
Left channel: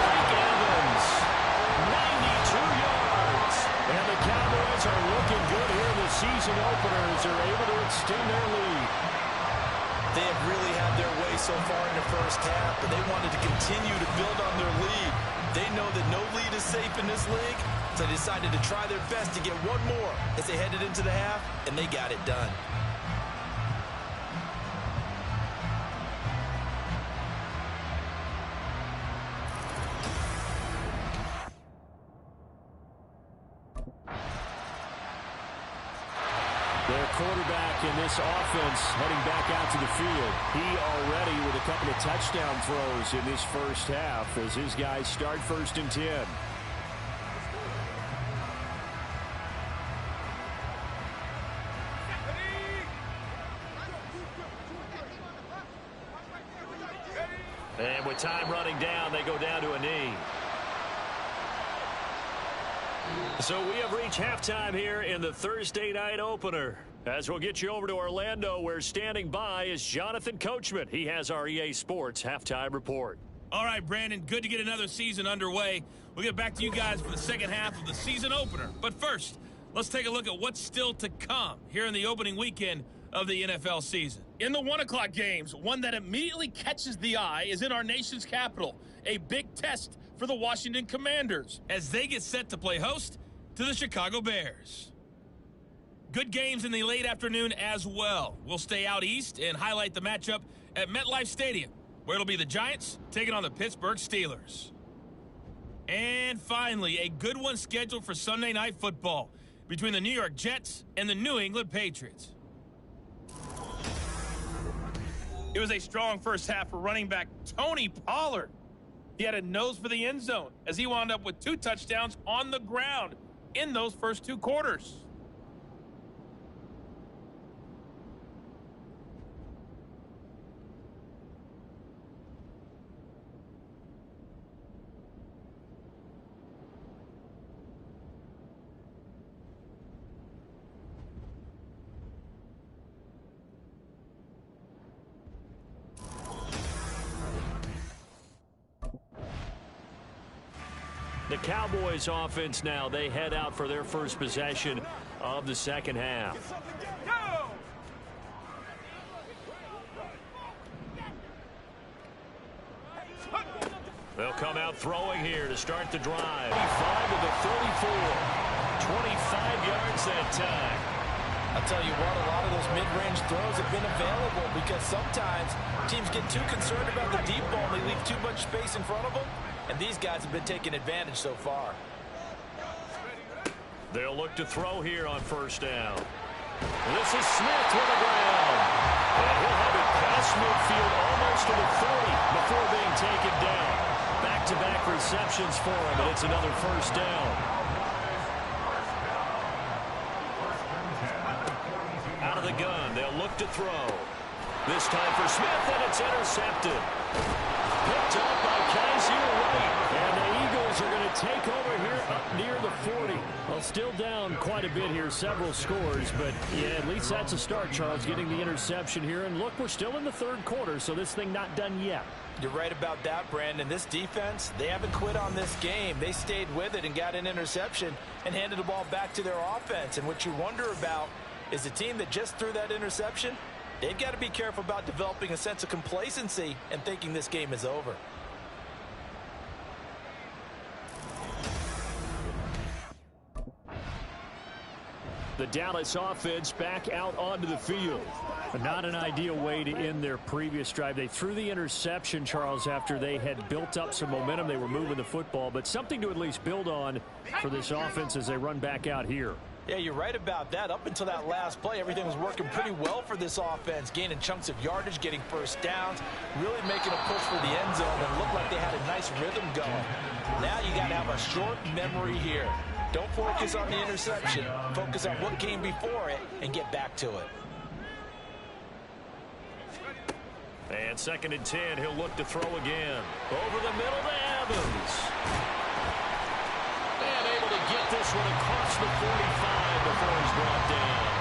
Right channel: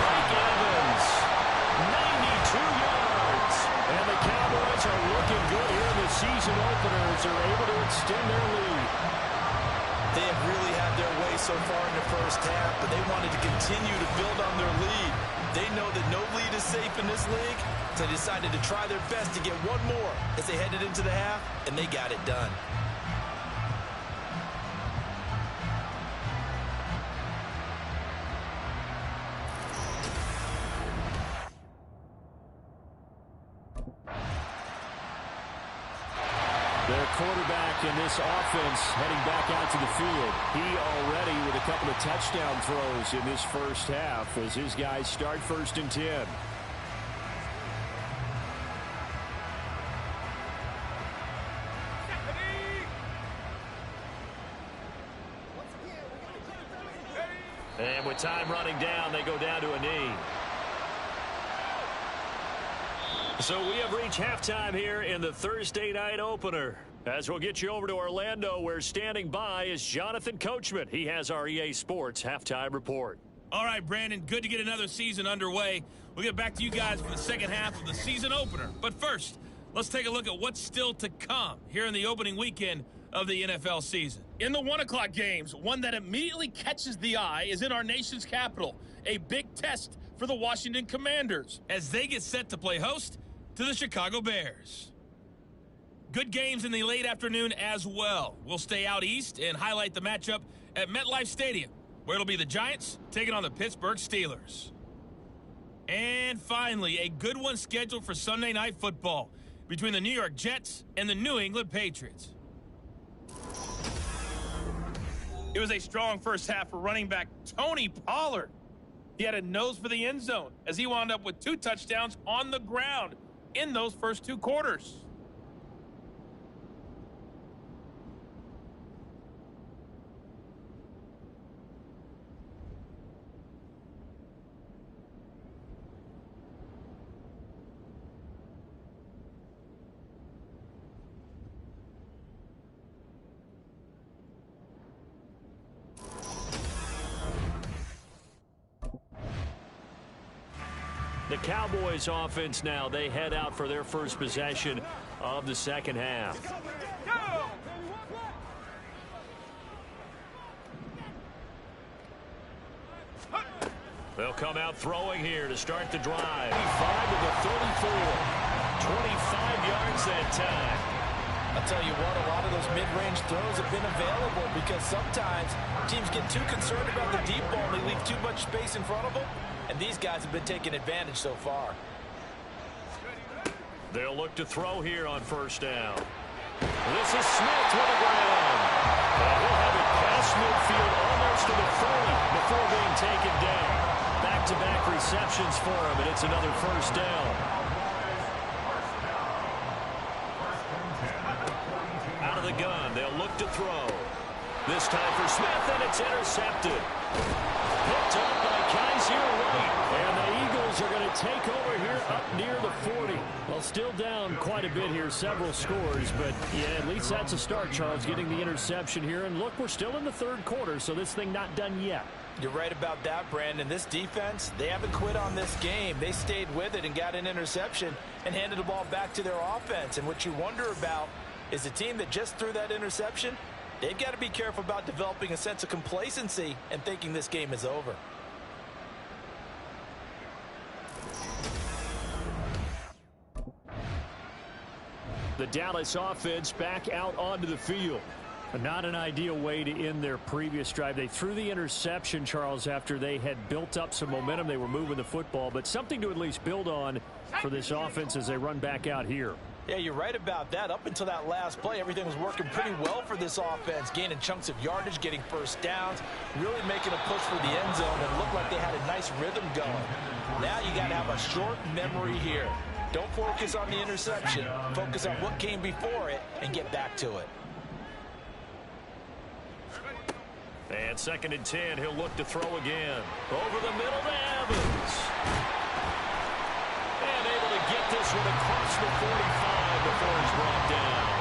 Mike Evans, 92 yards. And the Cowboys are looking good here in the season opener as they're able to extend their lead. They have really had their way so far in the first half, but they wanted to continue to build on their lead. They know that no lead is safe in this league, so they decided to try their best to get one more as they headed into the half, and they got it done. Their quarterback in this offense heading back out to the field. He already with a couple of touchdown throws in this first half as his guys start 1st and 10. And with time running down, they go down to a knee. So we have reached halftime here in the Thursday night opener. As we'll get you over to Orlando, where standing by is Jonathan Coachman. He has our EA Sports halftime report. All right, Brandon, good to get another season underway. We'll get back to you guys for the second half of the season opener. But first, let's take a look at what's still to come here in the opening weekend of the NFL season. In the 1 o'clock games, one that immediately catches the eye is in our nation's capital. A big test for the Washington Commanders as they get set to play host to the Chicago Bears. Good games in the late afternoon as well. We'll stay out east and highlight the matchup at MetLife Stadium, where it'll be the Giants taking on the Pittsburgh Steelers. And finally, a good one scheduled for Sunday Night Football between the New York Jets and the New England Patriots. It was a strong first half for running back Tony Pollard. He had a nose for the end zone as he wound up with 2 touchdowns on the ground in those first 2 quarters. The Cowboys offense now, they head out for their first possession of the second half. They'll come out throwing here to start the drive. 25 to the 34. 25 yards that time. I'll tell you what, a lot of those mid-range throws have been available because sometimes teams get too concerned about the deep ball and they leave too much space in front of them. And these guys have been taking advantage so far. They'll look to throw here on first down. This is Smith with the ground. And he'll have it past midfield almost to the 40 before being taken down. Back-to-back receptions for him, and it's another first down. Out of the gun, they'll look to throw. This time for Smith, and it's intercepted. Picked up by Kaiser White. And the Eagles are going to take over here up near the 40. Well, still down quite a bit here, several scores. But, yeah, at least that's a start, Charles, getting the interception here. And, look, we're still in the third quarter, so this thing not done yet. You're right about that, Brandon. This defense, they haven't quit on this game. They stayed with it and got an interception and handed the ball back to their offense. And what you wonder about is the team that just threw that interception, they've got to be careful about developing a sense of complacency and thinking this game is over. The Dallas offense back out onto the field. But not an ideal way to end their previous drive. They threw the interception, Charles, after they had built up some momentum. They were moving the football, but something to at least build on for this offense as they run back out here. Yeah, you're right about that. Up until that last play, everything was working pretty well for this offense, gaining chunks of yardage, getting first downs, really making a push for the end zone, and looked like they had a nice rhythm going. Now you got to have a short memory here. Don't focus on the interception. Focus on what came before it and get back to it. And 2nd and 10, he'll look to throw again. Over the middle to Evans. And able to get this one across the 45 before he's brought down.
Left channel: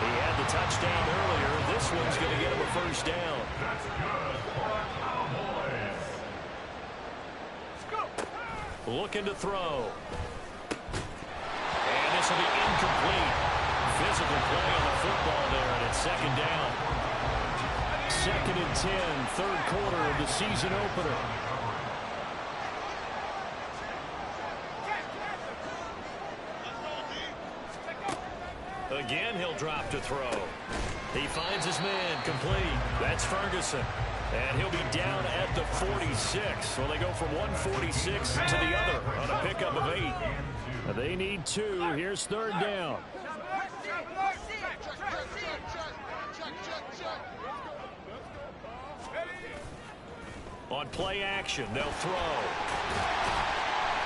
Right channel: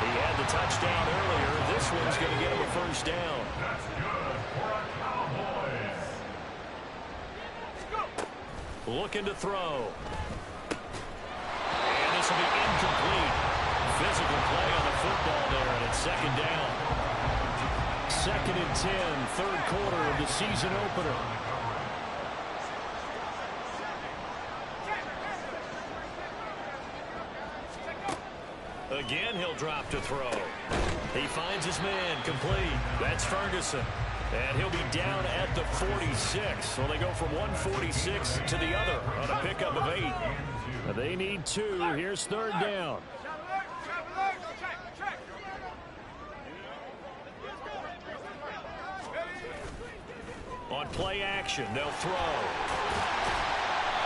He had the touchdown earlier. This one's going to get him a first down. That's good for a Cowboys. Looking to throw. And this will be incomplete. Physical play on the football there, and it's 2nd down. 2nd and 10, 3rd quarter of the season opener. Again, he'll drop to throw. He finds his man, complete. That's Ferguson. And he'll be down at the 46. So they go from 146 to the other on a pickup of 8. They need 2. Here's 3rd down. On play action, they'll throw.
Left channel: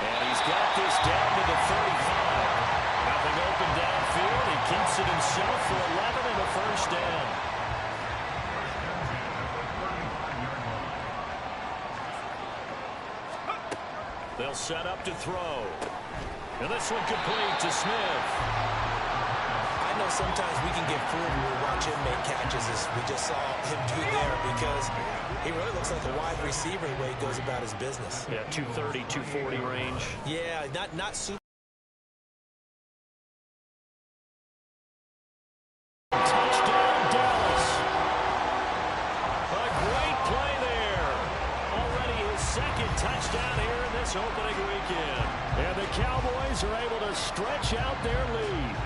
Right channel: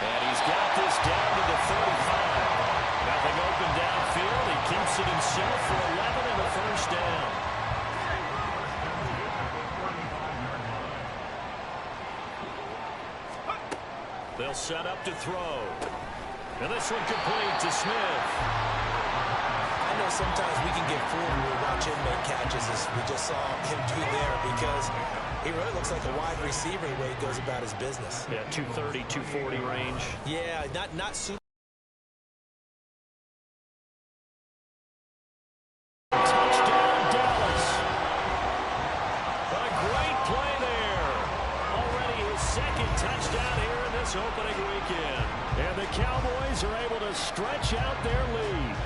And he's got this down to the 35. Nothing open downfield. He keeps it himself for 11 and a first down. They'll set up to throw. And this one complete to Smith. I know sometimes we can get fooled when we watch him make catches, as we just saw him do there, because he really looks like a wide receiver the way he goes about his business. Yeah, 230, 240 range. Yeah, not super. Touchdown, Dallas. A great play there. Already his 2nd touchdown here in this opening weekend. And the Cowboys are able to stretch out their lead.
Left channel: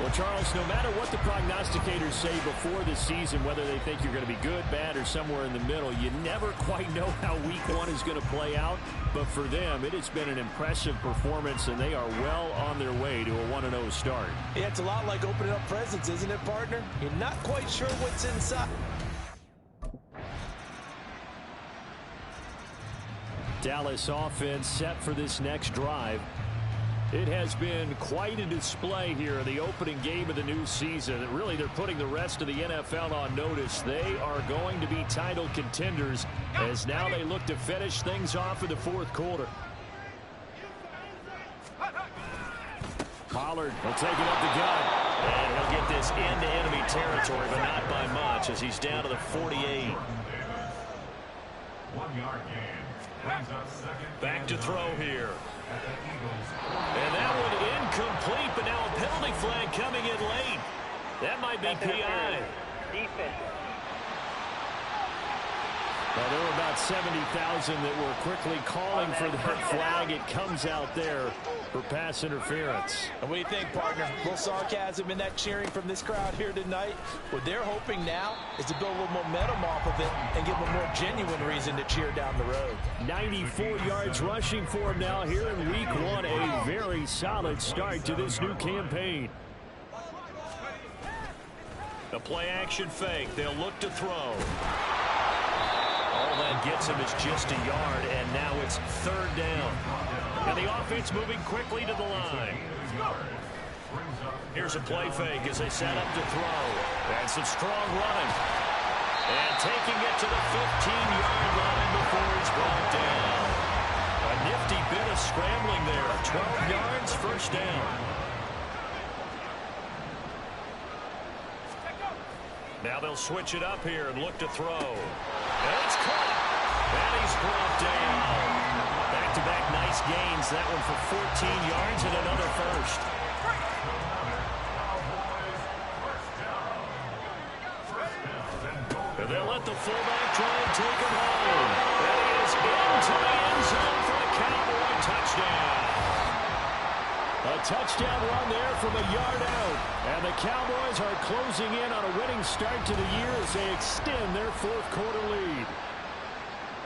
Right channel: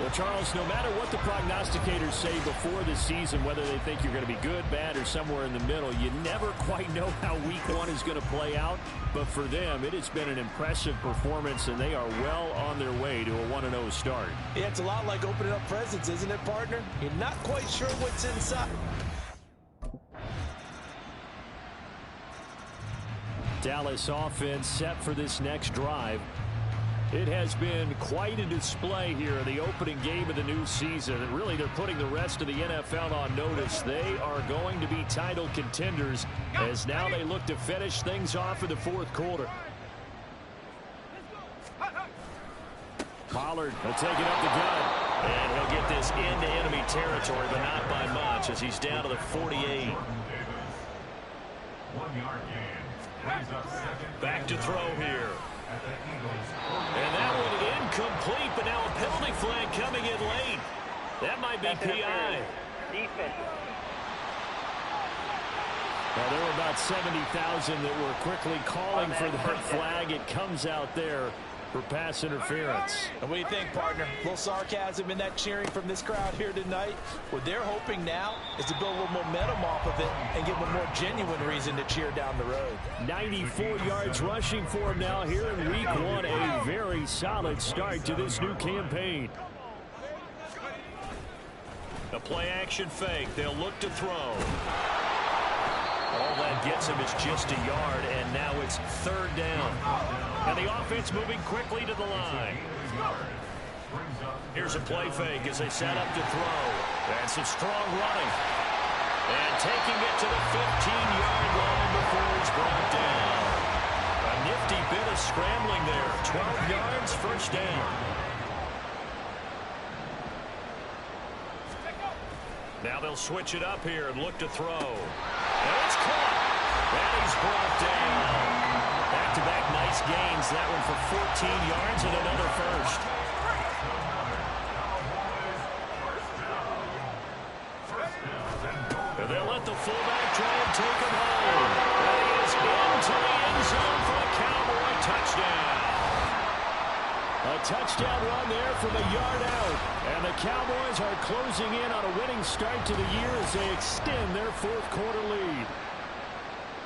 Well, Charles, no matter what the prognosticators say before the season, whether they think you're going to be good, bad, or somewhere in the middle, you never quite know how week 1 is going to play out. But for them, it has been an impressive performance, and they are well on their way to a 1-0 start. Yeah, it's a lot like opening up presents, isn't it, partner? You're not quite sure what's inside. Dallas offense set for this next drive. It has been quite a display here in the opening game of the new season. And really, they're putting the rest of the NFL on notice. They are going to be title contenders as now they look to finish things off in the 4th quarter. Pollard will take it up the gut. And he'll get this into enemy territory, but not by much, as he's down to the 48. 1 yard gain. Back to throw here. And that one incomplete, but now a penalty flag coming in late. That might be PI. Defense. Well, there were about 70,000 that were quickly calling for that flag. It comes out there for pass interference. And what do you think, partner? A little sarcasm in that cheering from this crowd here tonight. What they're hoping now is to build a little momentum off of it and give them a more genuine reason to cheer down the road. 94 yards rushing for him now here in week 1. A very solid start to this new campaign. The play action fake. They'll look to throw. All that gets him is just a yard, and now it's 3rd down. And the offense moving quickly to the line. Here's a play fake as they set up to throw. And some strong running. And taking it to the 15-yard line before he's brought down. A nifty bit of scrambling there. 12 yards, first down. Now they'll switch it up here and look to throw. And it's caught. And he's brought down. Back-to-back nice gains. That one for 14 yards and another first. And they'll let the fullback try and take him home. And he is into the end zone for the Cowboy touchdown. A touchdown run there from a yard out. And the Cowboys are closing in on a winning start to the year as they extend their 4th quarter lead.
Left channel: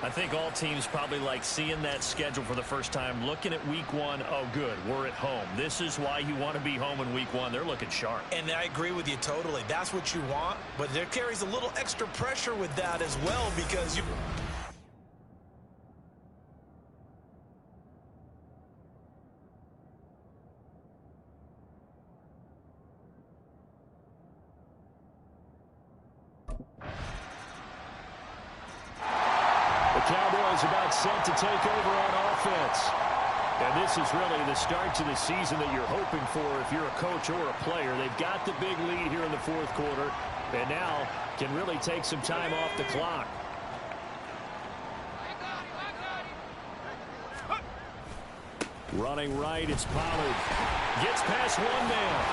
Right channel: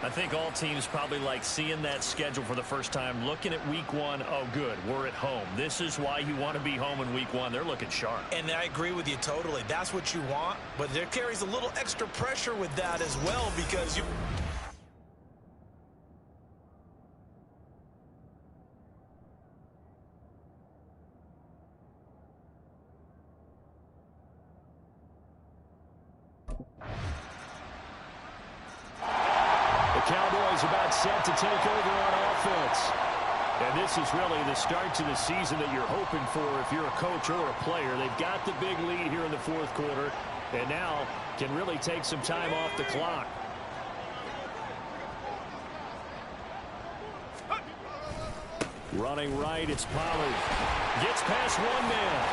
I think all teams probably like seeing that schedule for the first time, looking at week one. Oh, good, we're at home. This is why you want to be home in week one. They're looking sharp. And I agree with you totally. That's what you want, but there carries a little extra pressure with that as well because you... The Cowboys about set to take over on offense. And this is really the start to the season that you're hoping for if you're a coach or a player. They've got the big lead here in the fourth quarter, and now can really take some time off the clock. Running right, it's Pollard. Gets past one man.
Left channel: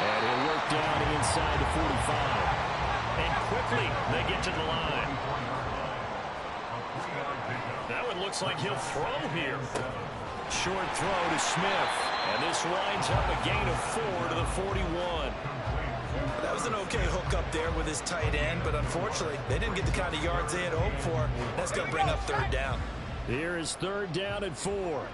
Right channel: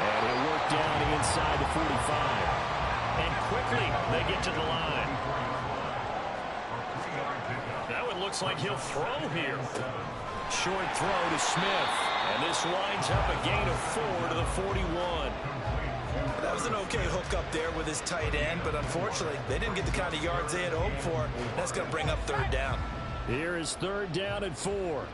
And he'll work down inside the 45. And quickly they get to the line. Now it looks like he'll throw here. Short throw to Smith. And this winds up a gain of 4 to the 41. That was an okay hook up there with his tight end, but unfortunately, they didn't get the kind of yards they had hoped for. That's going to bring up third down. Here is third down and 4.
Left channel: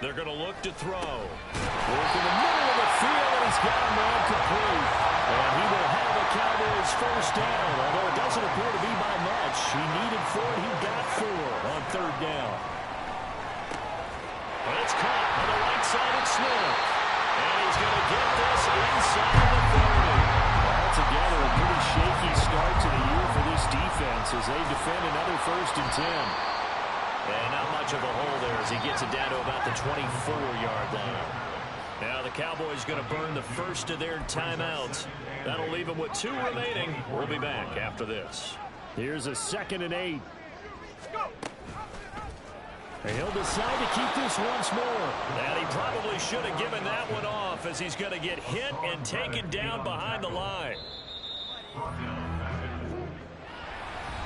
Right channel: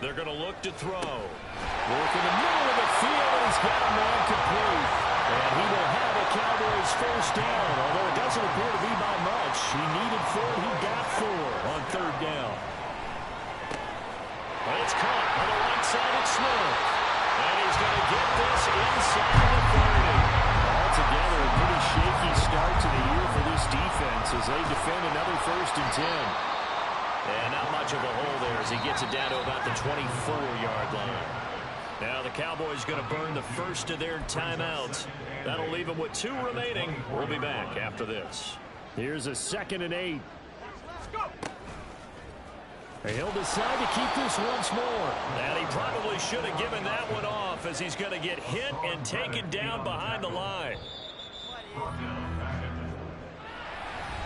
They're going to look to throw. Work in the middle of the field, and he's got a man complete. And he will have a Cowboys first down, although it doesn't appear to be by much. He needed 4, and he got 4 on third down. Well, it's caught on the right side at Smith. And he's going to get this inside the 30. Altogether, a pretty shaky start to the year for this defense as they defend another 1st and 10. And not much of a hole there as he gets it down to about the 24-yard line. Now the Cowboys going to burn the first of their timeouts. That'll leave them with 2 remaining. We'll be back after this. Here's a 2nd and 8. And he'll decide to keep this once more. And he probably should have given that one off as he's going to get hit and taken down behind the line.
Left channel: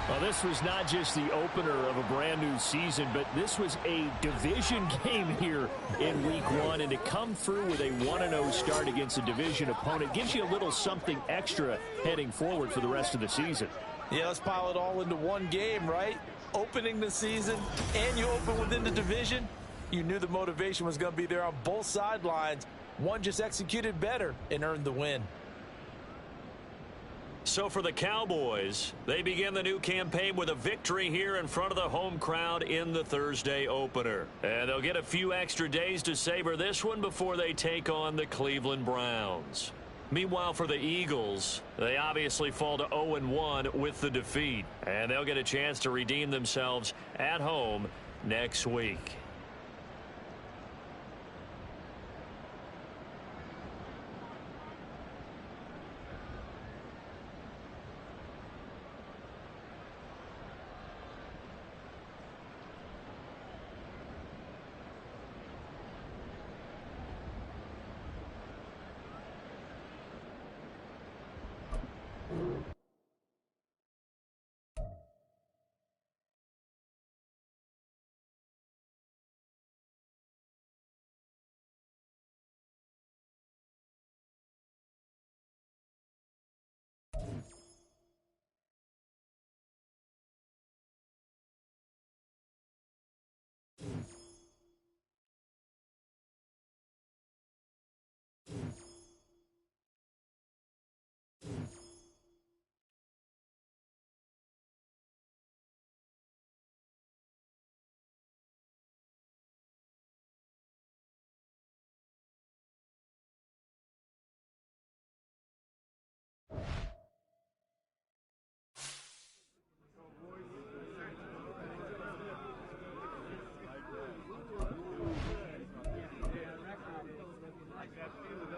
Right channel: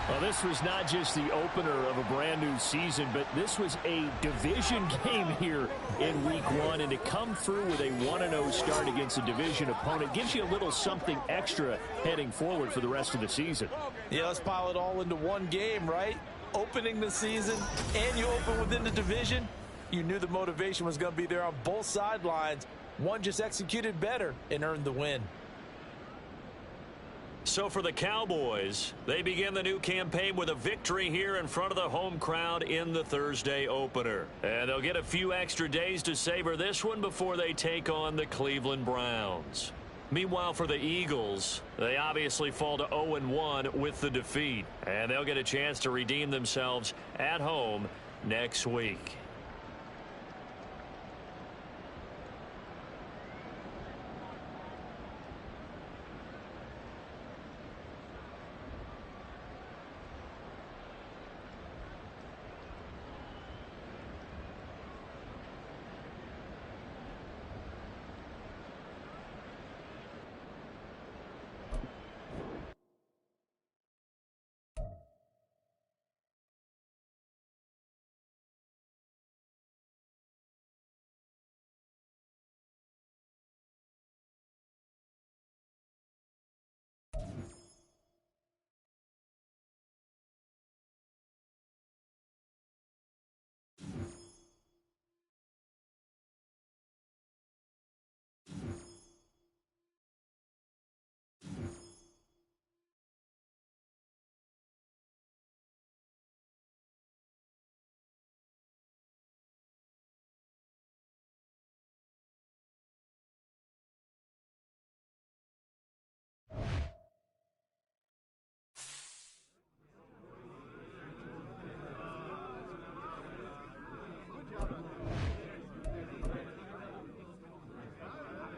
Well, this was not just the opener of a brand new season, but this was a division game here in week 1. And to come through with a 1-0 start against a division opponent gives you a little something extra heading forward for the rest of the season. Yeah, let's pile it all into one game, right? Opening the season, and you open within the division. You knew the motivation was going to be there on both sidelines. One just executed better and earned the win. So for the Cowboys, they begin the new campaign with a victory here in front of the home crowd in the Thursday opener. And they'll get a few extra days to savor this one before they take on the Cleveland Browns. Meanwhile, for the Eagles, they obviously fall to 0-1 with the defeat. And they'll get a chance to redeem themselves at home next week.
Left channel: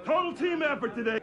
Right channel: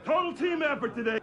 Total team effort today.